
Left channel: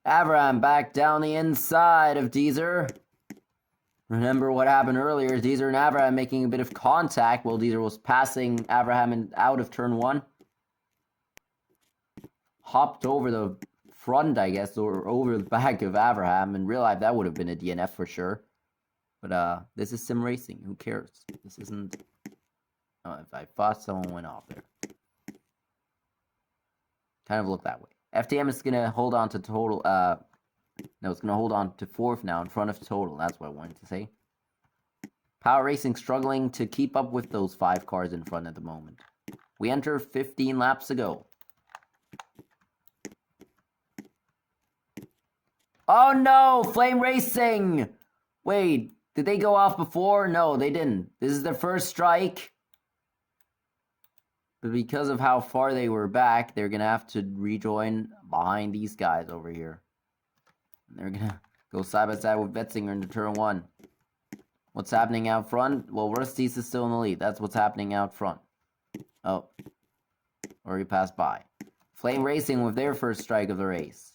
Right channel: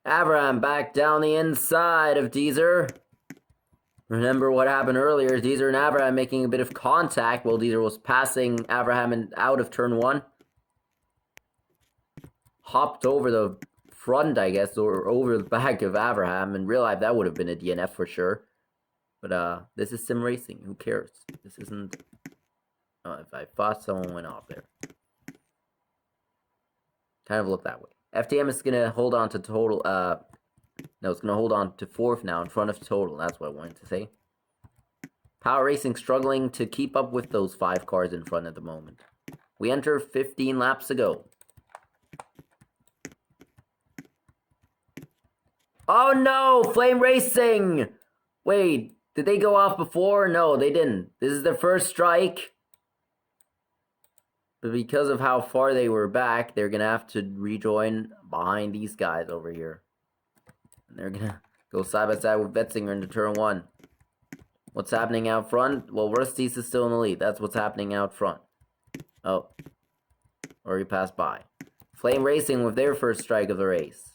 Avram back down the inside of Deezer. Remember what happened earlier. Deezer and Abraham making a bit of contact while Deezer was passing Abraham and out of turn 1. Hopped over the front, I guess, or over the back of Abraham, and realized that would have been a DNF for sure. But this is sim racing. Who cares? This isn't... Oh, if I thought someone went off there. Kind of looked that way. FTM is going to hold on to total... No, it's going to hold on to 4th now in front of total. That's what I wanted to say. Power Racing struggling to keep up with those 5 cars in front at the moment. We enter 15 laps ago. Oh no! Flame Racing! Wait, did they go off before? No, they didn't. This is their first strike. But because of how far they were back, they're going to have to rejoin behind these guys over here. And they're going to go side by side with Betzinger into turn 1. What's happening out front? Well, Rusties is still in the lead. That's what's happening out front. Oh. Already passed by. Flame Racing with their first strike of the race.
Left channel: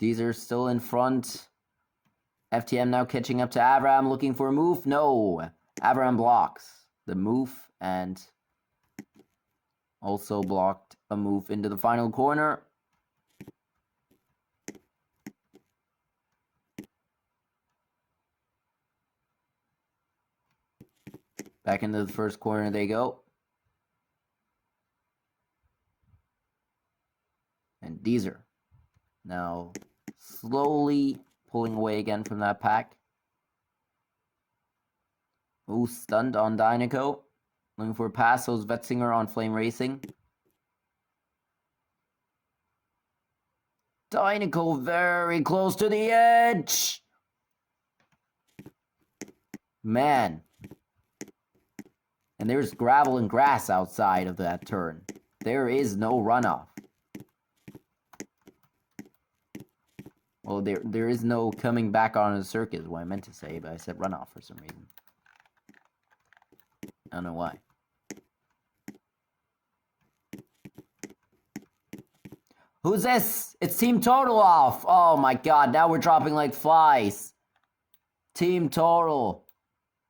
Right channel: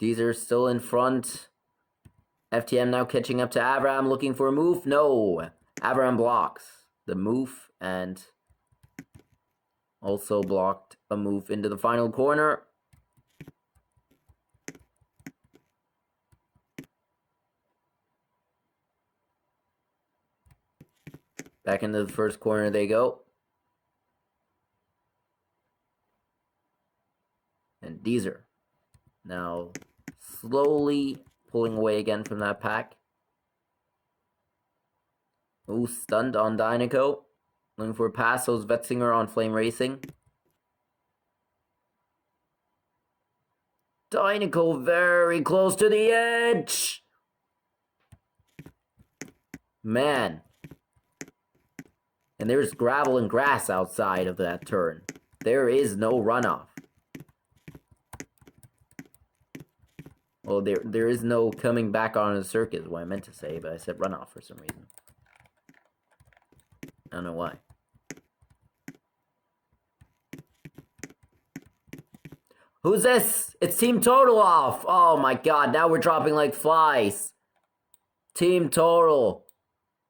Deezer still in front. FTM now catching up to Avram, looking for a move. No. Avram blocks the move and also blocked a move into the final corner. Back into the first corner they go. And Deezer now slowly pulling away again from that pack. Ooh, stunned on Dynaco. Looking for a pass. So is Vetzinger on Flame Racing. Dynaco very close to the edge. Man. And there's gravel and grass outside of that turn. There is no runoff. Well, there is no coming back on the circuit is what I meant to say, but I said runoff for some reason. I don't know why. Who's this? It's Team Total off. Oh my god, now we're dropping like flies. Team Total.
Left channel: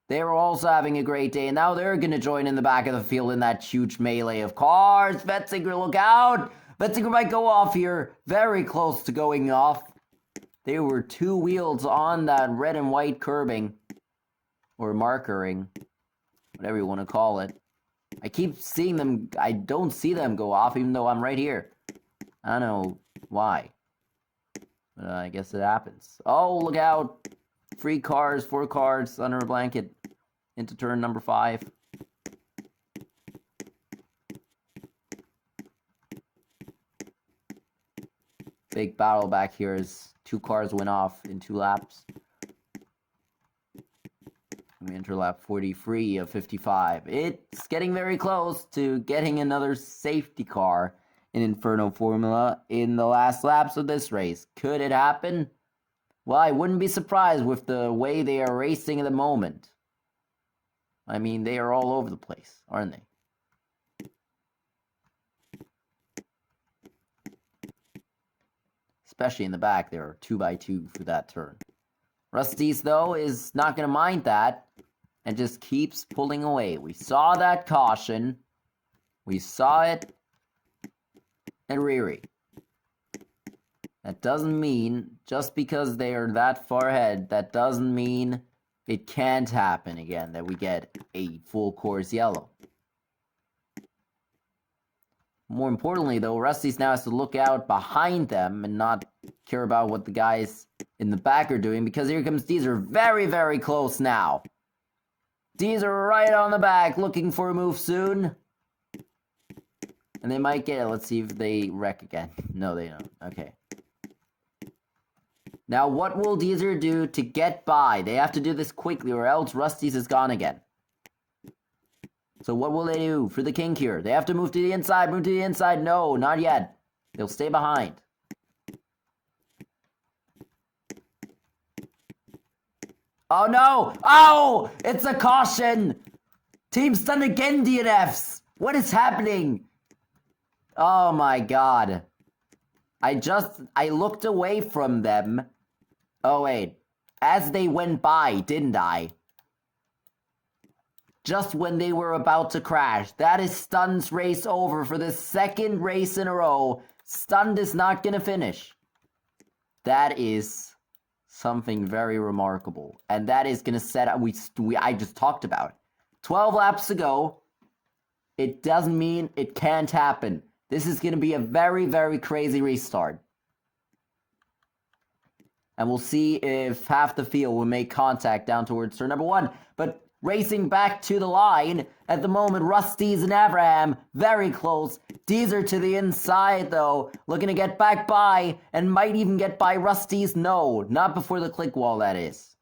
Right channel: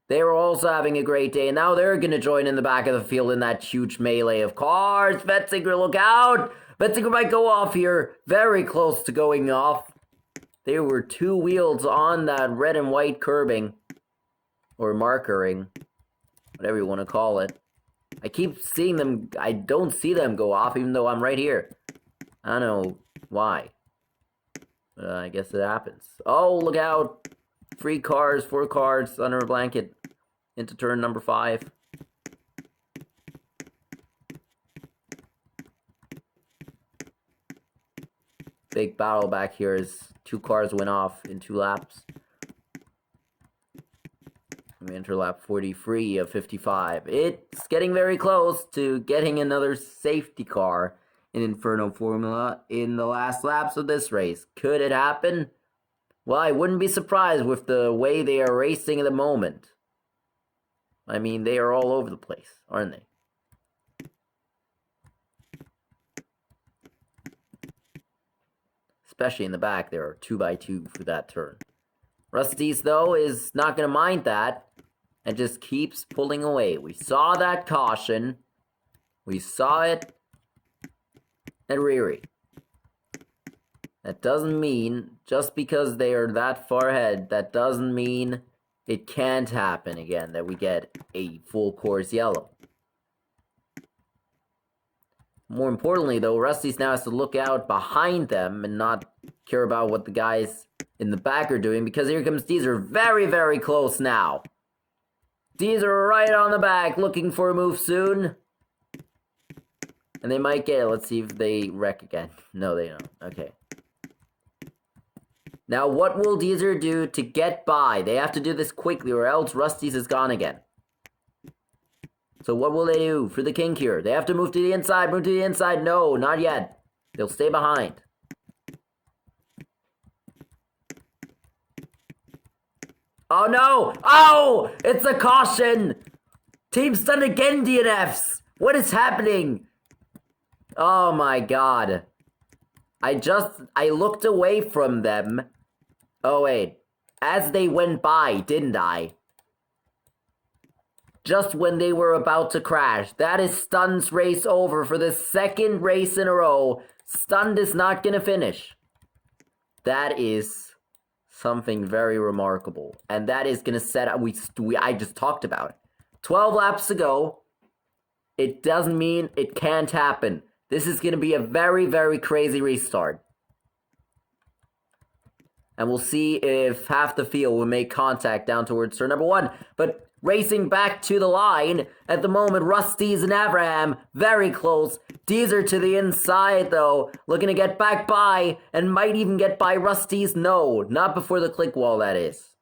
They were also having a great day, and now they're going to join in the back of the field in that huge melee of cars. Vetzinger, look out! Vetzinger might go off here. Very close to going off. There were 2 wheels on that red and white curbing. Or markering. Whatever you want to call it. I keep seeing them. I don't see them go off, even though I'm right here. I don't know why. But I guess it happens. Oh, look out. 3 cars, 4 cars under a blanket into turn number 5. Big battle back here as 2 cars went off in 2 laps. We enter lap 43 of 55. It's getting very close to getting another safety car in Inferno Formula in the last laps of this race. Could it happen? Well, I wouldn't be surprised with the way they are racing at the moment. I mean, they are all over the place, aren't they? Especially in the back, there are 2x2 for that turn. Rusty's, though, is not going to mind that and just keeps pulling away. We saw that caution. We saw it at Riri. That doesn't mean, just because they are that far ahead, that doesn't mean it can't happen again, that we get a full course yellow. More importantly, though, Rusty's now has to look out behind them and not care about what the guys in the back are doing, because here comes Deezer very, very close now. Deezer right on the back, looking for a move soon. And they might get it. Let's see if they wreck again. No, they don't. Okay. Now, what will Deezer do to get by? They have to do this quickly, or else Rusty's is gone again. So what will they do for the kink here? They have to move to the inside. Move to the inside. No, not yet. They'll stay behind. Oh, no. Oh, it's a caution. Team stunned again, DNFs. What is happening? Oh, my God. I looked away from them. Oh, wait. As they went by, didn't I? Just when they were about to crash. That is Stun's race over for the second race in a row. Stunned is not going to finish. That is something very remarkable. And that is going to set up... I just talked about it. 12 laps to go. It doesn't mean it can't happen. This is going to be a very, very crazy restart. And we'll see if half the field will make contact down towards turn number 1. But racing back to the line, at the moment, Rusty's and Abraham, very close. Deezer to the inside, though, looking to get back by, and might even get by Rusty's. No, not before the click wall, that is.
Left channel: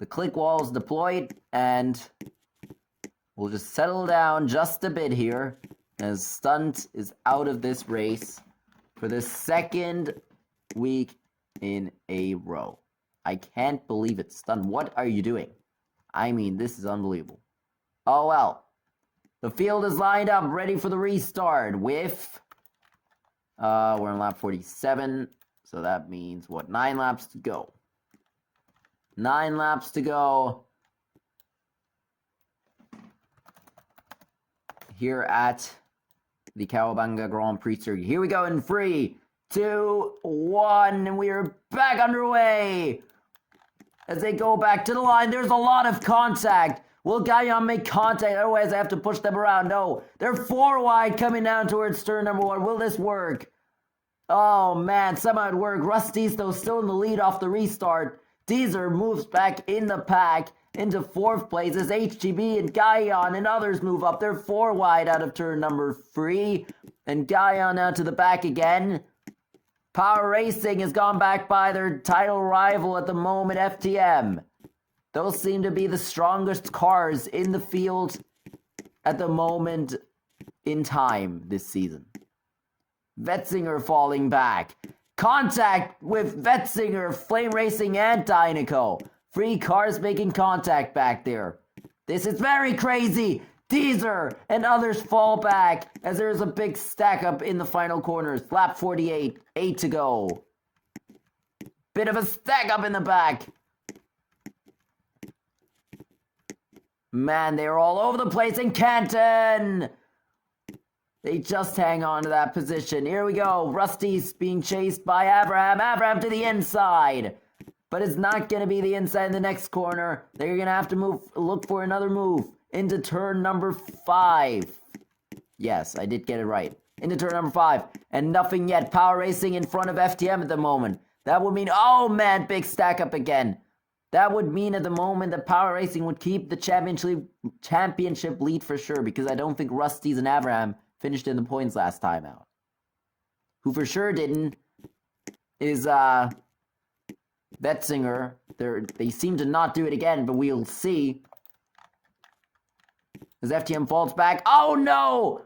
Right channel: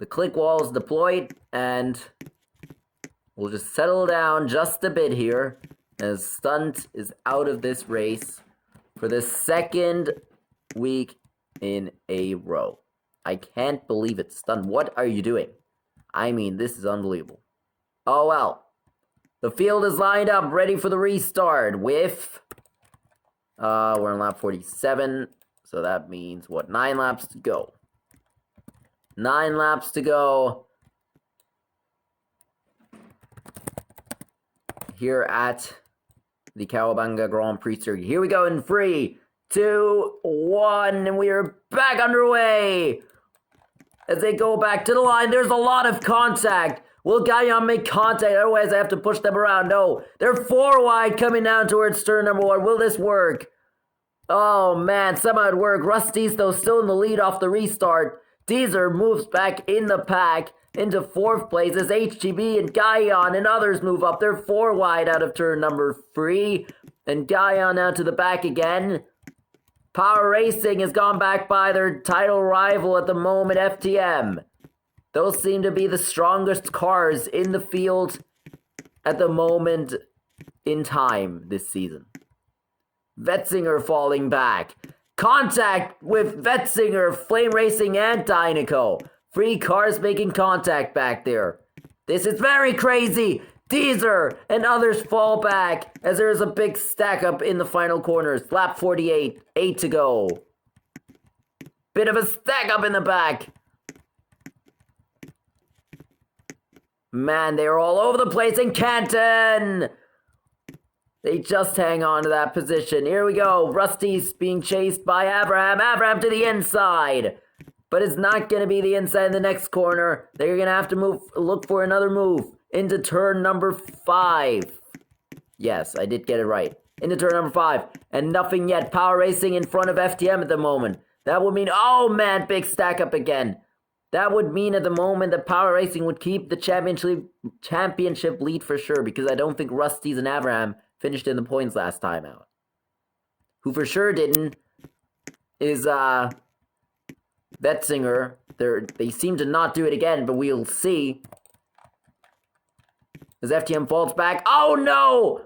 The click wall is deployed, and we'll just settle down just a bit here, as Stunt is out of this race for the second week in a row. I can't believe it, Stunt. What are you doing? I mean, this is unbelievable. Oh, well. The field is lined up, ready for the restart with... we're on lap 47, so that means, what, 9 laps to go. 9 laps to go. Here at the Bunga Grand Prix Circuit. Here we go in 3, 2, 1, and we are back underway. As they go back to the line, there's a lot of contact. Will Gaillon make contact? Otherwise, I have to push them around. No, they're 4 wide coming down towards turn number 1. Will this work? Oh, man, somehow it worked. Rusty's, though, still in the lead off the restart. Deezer moves back in the pack into 4th place as HGB and Gaillon and others move up. They're 4 wide out of turn number 3. And Gaillon now to the back again. Power Racing has gone back by their title rival at the moment, FTM. Those seem to be the strongest cars in the field at the moment in time this season. Wetzinger falling back. Contact with Wetzinger, Flame Racing, and Dynaco. 3 cars making contact back there. This is very crazy. Deezer and others fall back as there is a big stack up in the final corners. Lap 48, 8 to go. Bit of a stack up in the back. Man, they are all over the place in Canton. They just hang on to that position. Here we go. Rusty's being chased by Abraham. Abraham to the inside. But it's not going to be the inside in the next corner. They're going to have to look for another move into turn number 5. Yes, I did get it right. Into turn number 5. And nothing yet. Power Racing in front of FTM at the moment. That would mean, oh man, big stack up again. That would mean at the moment that Power Racing would keep the championship lead for sure, because I don't think Rusty's and Abraham finished in the points last time out. Who for sure didn't is Betzinger. They seem to not do it again, but we'll see. As FTM falls back. Oh no!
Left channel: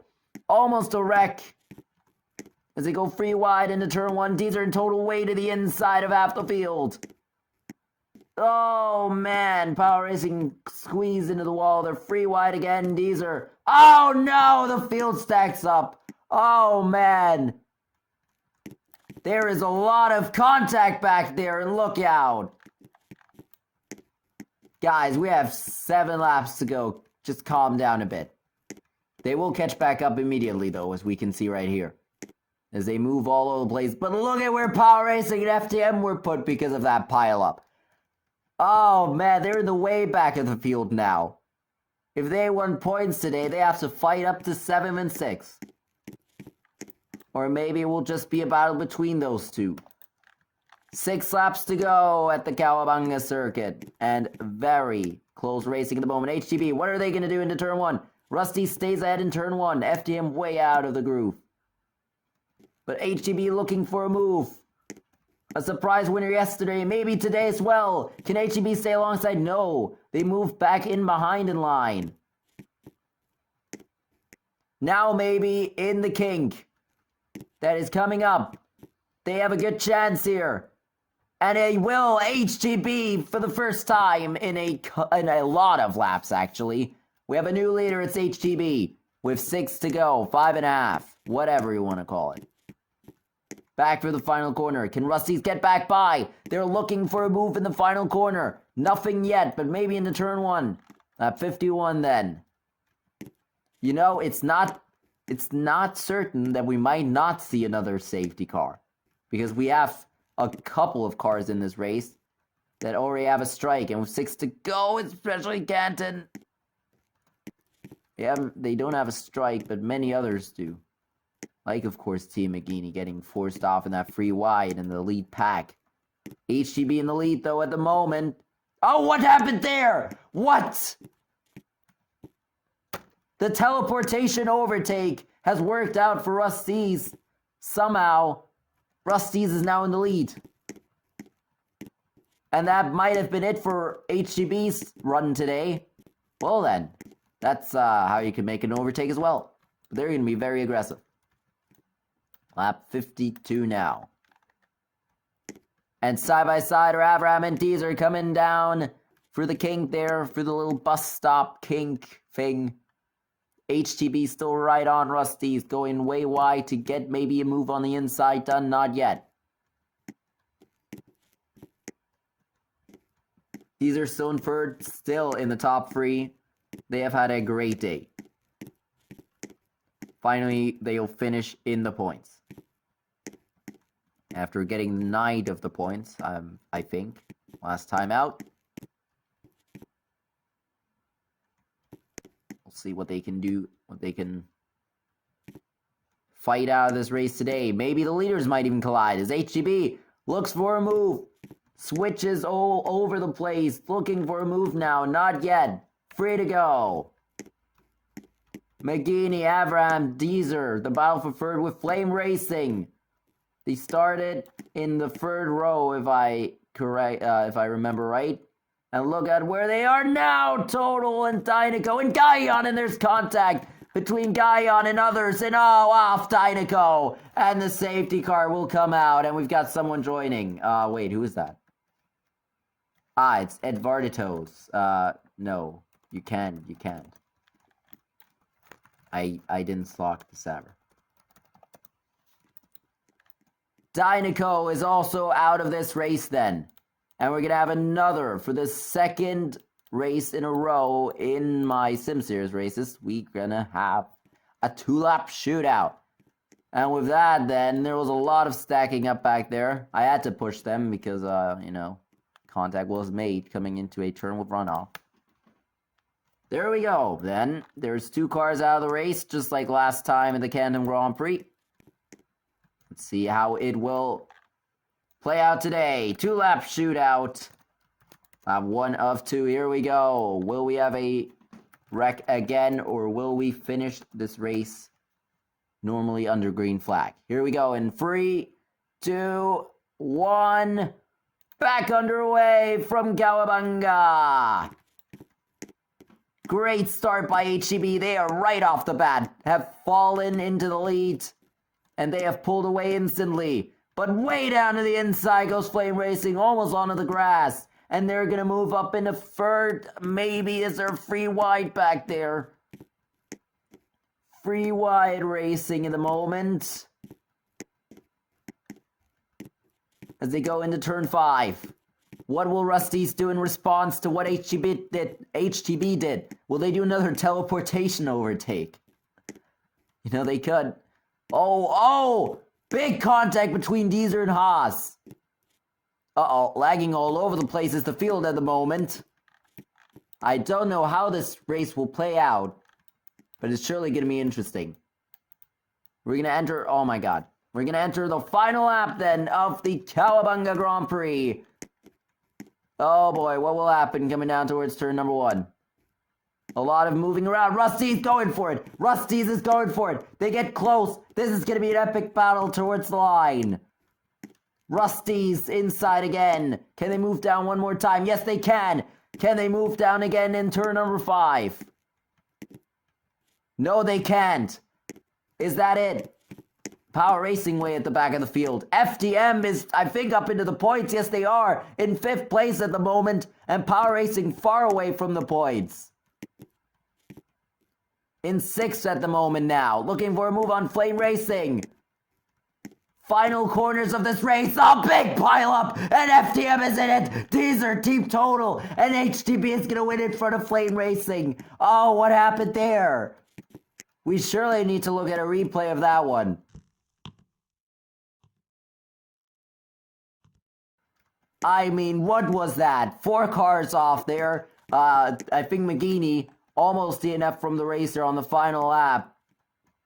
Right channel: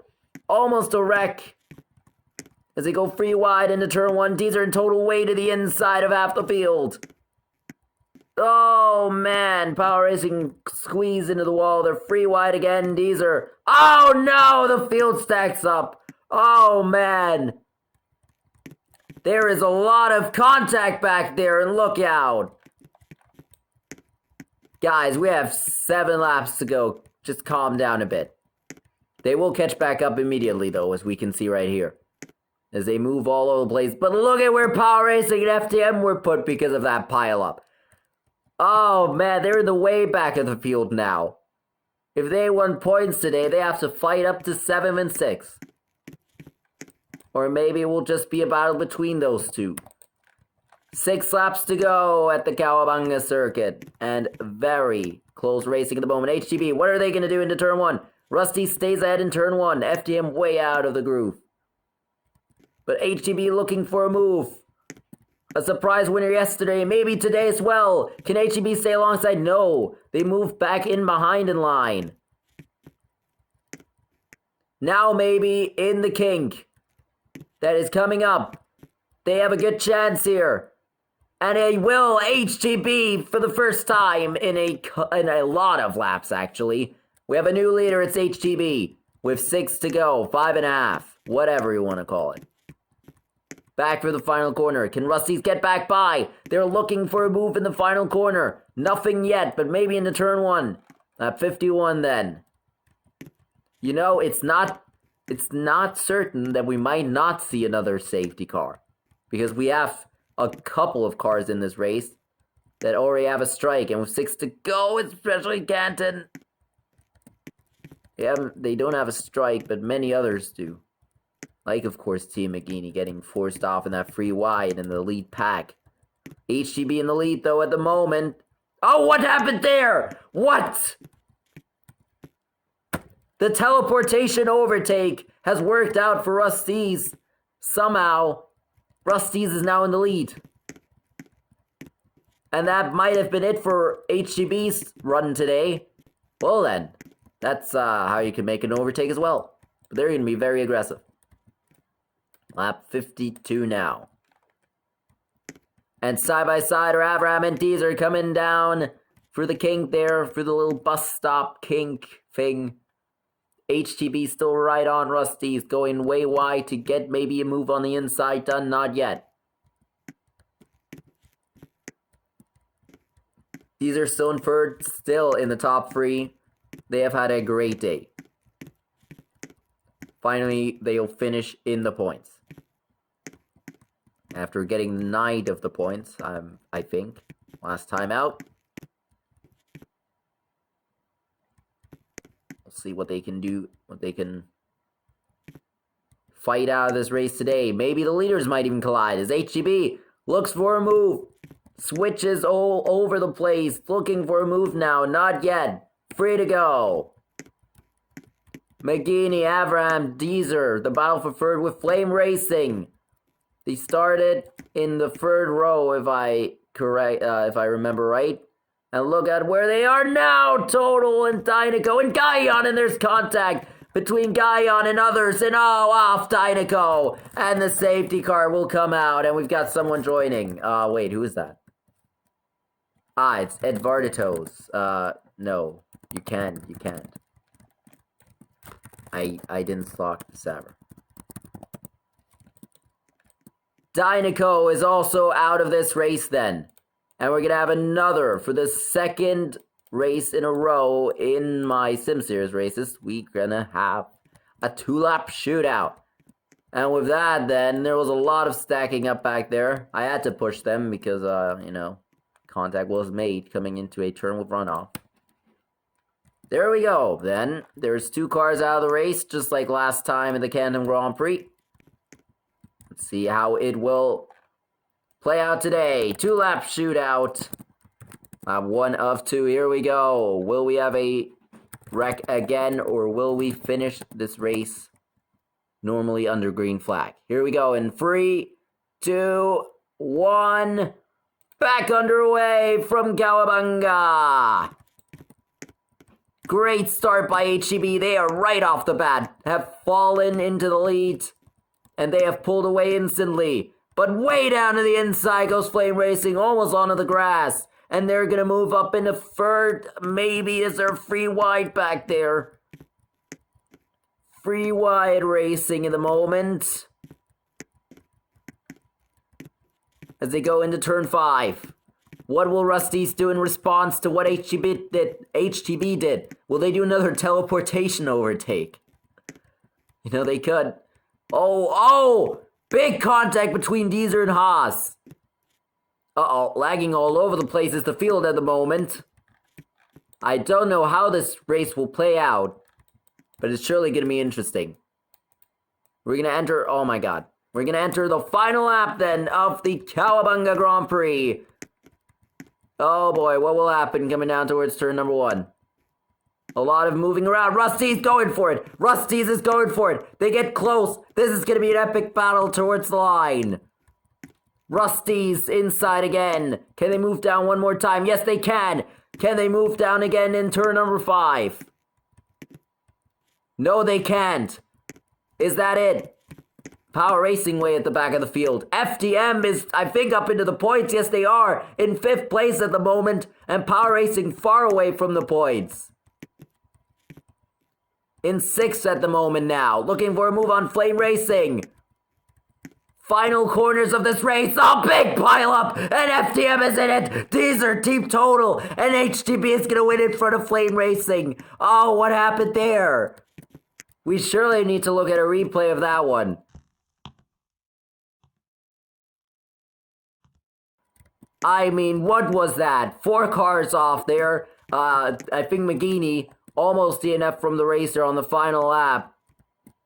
Almost a wreck. As they go free wide into turn 1, Deezer in total way to the inside of half the field. Oh man, Power Racing squeezed into the wall. They're free wide again, Deezer. Oh no, the field stacks up. Oh man. There is a lot of contact back there, and look out. Guys, we have 7 laps to go. Just calm down a bit. They will catch back up immediately, though, as we can see right here. As they move all over the place. But look at where Power Racing and FTM were put because of that pile-up. Oh, man, they're in the way back of the field now. If they won points today, they have to fight up to 7 and 6. Or maybe it will just be a battle between those two. 6 laps to go at the Bunga circuit. And very close racing at the moment. HTB, what are they going to do into turn 1? Rusty stays ahead in turn 1. FTM way out of the groove. But HTB looking for a move. A surprise winner yesterday, maybe today as well. Can HTB stay alongside? No. They moved back in behind in line. Now maybe in the kink that is coming up. They have a good chance here. And it will HTB for the first time in a lot of laps, actually. We have a new leader, it's HTB. With 6 to go, 5.5. Whatever you want to call it. Back for the final corner. Can Rusty's get back by? They're looking for a move in the final corner. Nothing yet, but maybe into turn 1. At 51 then. You know, it's not certain that we might not see another safety car. Because we have a couple of cars in this race that already have a strike. And with 6 to go, especially Canton. Yeah, they don't have a strike, but many others do. Like, of course, Team McGeaney getting forced off in that free wide in the lead pack. HTB in the lead, though, at the moment. Oh, what happened there? What? The teleportation overtake has worked out for Rusty's. Somehow, Rusty's is now in the lead. And that might have been it for HTB's run today. Well, then, that's how you can make an overtake as well. But they're going to be very aggressive. Lap 52 now. And side by side are Avram and Deezer coming down for the kink there, for the little bus stop kink thing. HTB still right on Rusty's, going way wide to get maybe a move on the inside done. Not yet. Deezer still in third, still in the top 3. They have had a great day. Finally, they'll finish in the points. After getting 9 of the points, I think, last time out. We'll see what they can do, what they can fight out of this race today. Maybe the leaders might even collide as HGB looks for a move. Switches all over the place, looking for a move now. Not yet. Free to go. McGeaney, Avram, Deezer, the battle for third with Flame Racing. They started in the 3rd row, if I remember right. And look at where they are now. Total and Dynaco and Guyon, and there's contact between Guyon and others. And oh, off Dynaco. And the safety car will come out, and we've got someone joining. Wait, who is that? It's Edvardatos. No, you can't. I didn't stock the Saber. Dynaco is also out of this race then. And we're going to have another for the 2nd race in a row in my Sim Series races. We're going to have a 2-lap shootout. And with that then, there was a lot of stacking up back there. I had to push them because, contact was made coming into a turn with runoff. There we go. Then there's 2 cars out of the race, just like last time in the Canton Grand Prix. Let's see how it will play out today. 2-lap shootout One of two. Here we go. Will we have a wreck again, or will we finish this race normally under green flag? Here we go in 3, 2, 1. Back underway from Kawabanga. Great start by HEB. They are right off the bat, have fallen into the lead, and they have pulled away instantly. But way down to the inside goes Flame Racing, almost onto the grass. And they're going to move up into third. Maybe is there free wide back there? Free wide racing in the moment. As they go into turn 5. What will Rusty's do in response to what HTB did? Will they do another teleportation overtake? You know, they could. Oh! Big contact between Deezer and Haas. Uh-oh, lagging all over the place is the field at the moment. I don't know how this race will play out, but it's surely going to be interesting. We're going to enter, oh my god. We're going to enter the final lap then of the Kawabanga Grand Prix. Oh boy, what will happen coming down towards turn number 1? A lot of moving around. Rusty's going for it. Rusty's is going for it. They get close. This is going to be an epic battle towards the line. Rusty's inside again. Can they move down one more time? Yes, they can. Can they move down again in turn number 5? No, they can't. Is that it? Power Racing way at the back of the field. FDM is, I think, up into the points. Yes, they are. In 5th place at the moment. And Power Racing far away from the points. In 6th at the moment now. Looking for a move on Flame Racing. Final corners of this race. Oh, big pile up. And FDM is in it. These are Team Total. And HTB is going to win in front of Flame Racing. Oh, what happened there? We surely need to look at a replay of that one. I mean, what was that? 4 cars off there. I think McGeaney almost DNF from the racer on the final lap.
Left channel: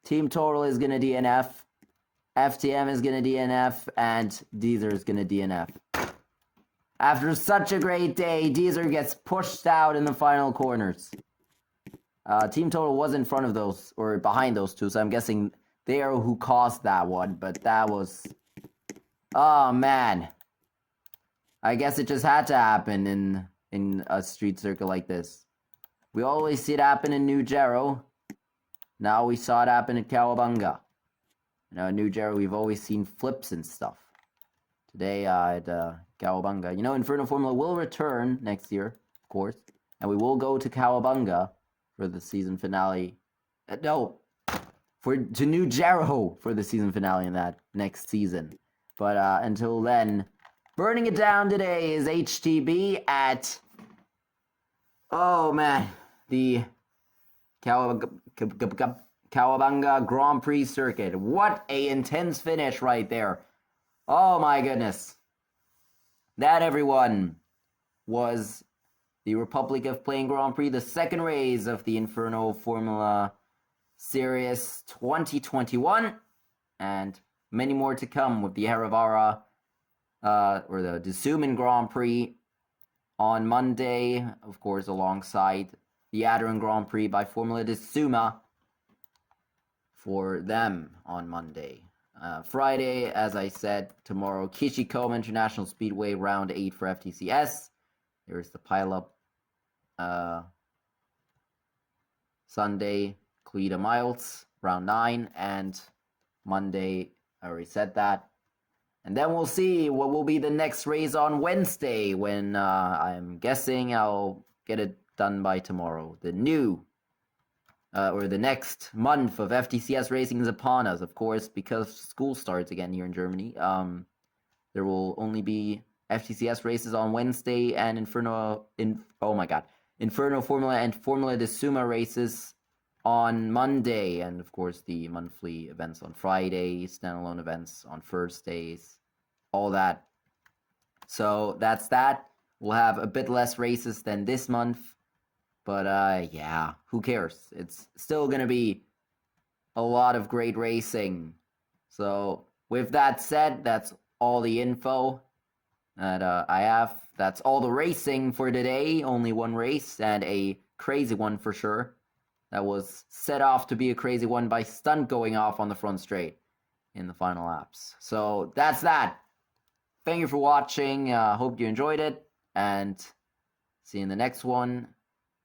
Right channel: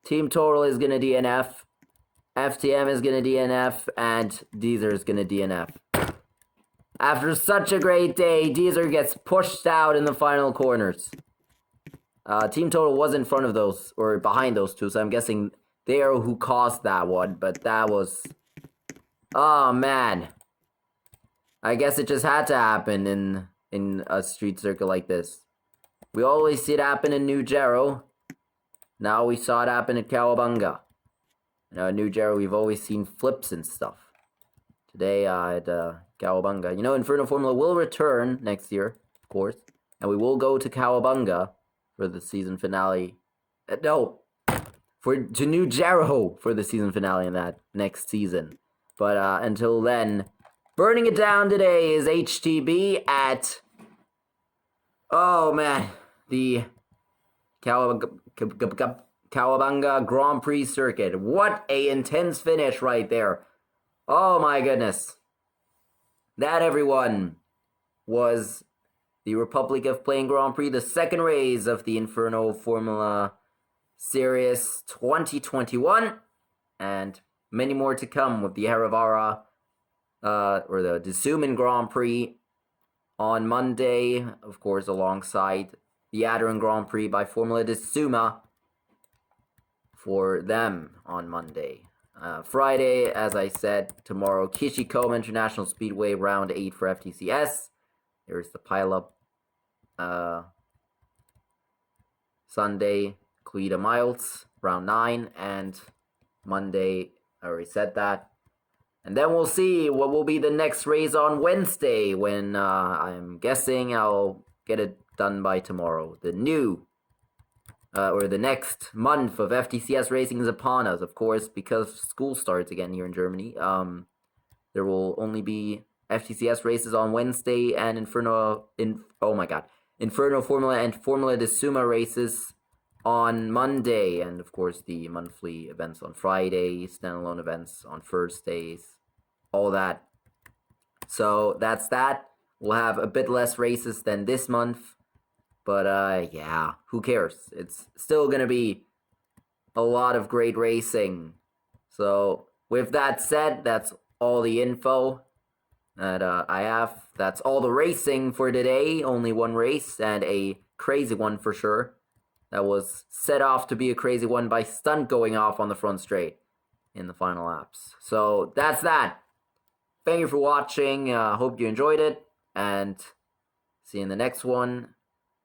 Team Total is going to DNF. FTM is going to DNF. And Deezer is going to DNF. After such a great day, Deezer gets pushed out in the final corners. Team Total was in front of those, or behind those two, so I'm guessing they are who caused that one. But that was... Oh, man. I guess it just had to happen in a street circuit like this. We always see it happen in New Jero. Now we saw it happen at Kawabanga. You know, in New Jero, we've always seen flips and stuff. Today at Kawabanga. You know, Inferno Formula will return next year, of course. And we will go to Kawabanga for the season finale. To New Jero for the season finale in that next season. But until then... Burning it down today is HTB at, oh man, the Kawabanga Grand Prix circuit. What a intense finish right there. Oh my goodness. That, everyone, was the Republic of Playing Grand Prix, the second race of the Inferno Formula Series 2021. And many more to come with the Haravara or the Disuman Grand Prix on Monday, of course, alongside the Adderin Grand Prix by Formula Disuma for them on Monday. Friday, as I said, tomorrow, Kishikoma International Speedway Round 8 for FTCS. There's the pileup. Sunday, Cleta Miles, Round 9, and Monday, I already said that. And then we'll see what will be the next race on Wednesday when I'm guessing I'll get it done by tomorrow. The new, or the next month of FTCS racing is upon us, of course, because school starts again here in Germany. There will only be FTCS races on Wednesday and Inferno Formula and Formula Disuma races on Monday, and of course the monthly events on Friday, standalone events on Thursdays, all that. So that's that. We'll have a bit less races than this month, but yeah, who cares? It's still gonna be a lot of great racing. So with that said, that's all the info. that I have. That's all the racing for today. Only one race, and a crazy one for sure. That was set off to be a crazy one by Stunt going off on the front straight in the final laps. So that's that. Thank you for watching. Hope you enjoyed it, and see you in the next one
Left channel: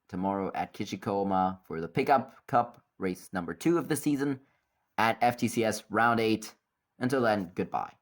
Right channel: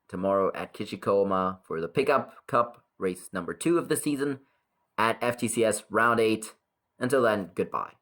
tomorrow at Kichikoma for the Pickup Cup race number 2 of the season at FTCS Round 8. Until then, goodbye.